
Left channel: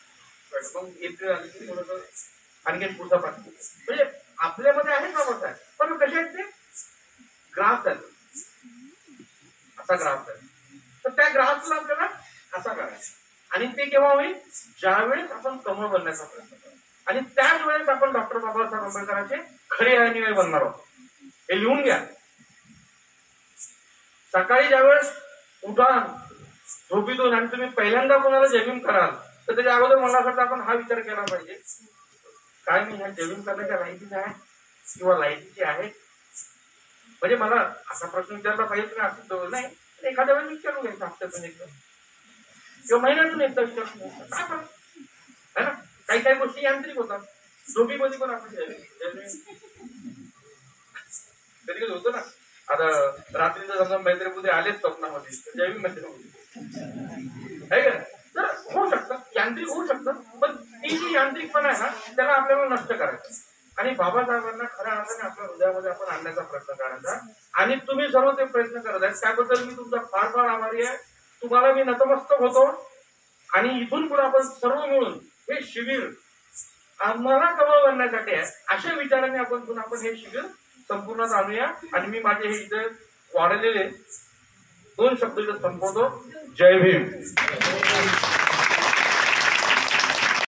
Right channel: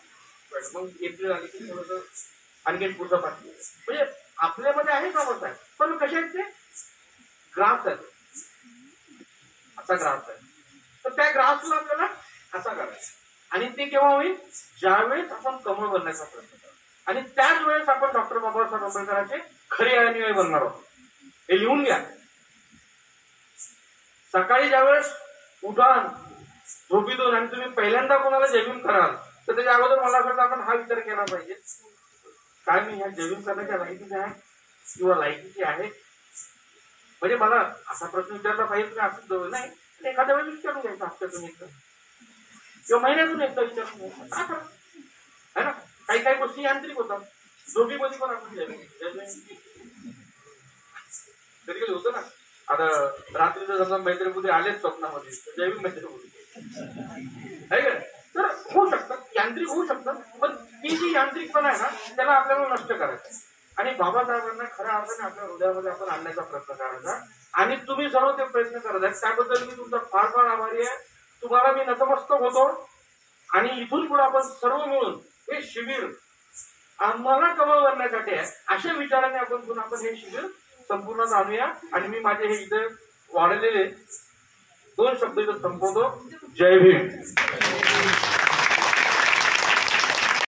मग एप्रिल आली की थोडस आणखीन पुढचा पाठ. म्हणजे आपल्यामध्ये आहे बाबासाहेब, पण कसे आहेत ते ग्राफ आहेत, असा ग्राफ आहे. तर त्या ग्राफला आपल्याला असा करायचा. आणि ते केव्हा होईल? ज्यावेळेस आपण कमळ बनण्याचा प्रयत्न करू आणि त्याच वेळेस आपण डॉक्टर बाबासाहेब आंबेडकरांचे खरे अनुयायी बनणार आहोत. हे लिहून घ्या. सकाळी ज्यावेळेस उठाल झोपीतून आणि तुम्ही पहिल्यांदा कोणाला जय भीम कराल तर त्याच्या अगोदर मला असं आपण हा विचार केला पाहिजे, काय मी ह्या जय भीम करण्याच्या लायकीची आहे किंवा लायकीची आहे? म्हणजे मला असा प्रश्न विचारला पाहिजे तुम्ही असं जवळ नाही, एखाद्या वेळेस विचारून घ्यायचं, हप्त्यातून एकदा किंवा महिन्यातून एकदा विचारून घ्यायचं है ना. काही काही गोष्टी यांत्रिक होतात. झोपीमध्ये पण आपण कधी कधी होतं ना, आता रात्रीचं समजा मैत्रीमध्ये आलेच स्वप्नामध्ये जैविक मैत्रीमध्ये आहे का, तर होऊ शकतं, यांत्रिक होऊ शकतं. पण ती जी यांत्रिकपणा आहे ना त्याला आपल्याला नष्ट करायचं आणि बाबासाहेबांना खऱ्या अर्थाने आपल्या हृदयामध्ये आपण आणण्याचा प्रयत्न करायचा. आणि तुम्ही सर्व ते प्रयत्न करत आहे त्याबद्दल मी तुमचा फार फार आभारी आहे. तुम्हाला मी नतमस्तक होतो आणि इथून पुढे आपण सर्व मिळून हे शिबिर आम्हाला कमळ बनण्यासाठी आहे अशा विचाराने आपण हे शिबिर संपूर्ण आणूया. आणि मी माझे हे इथे वाढलेले 2 शब्द संपवतो. जय भीम.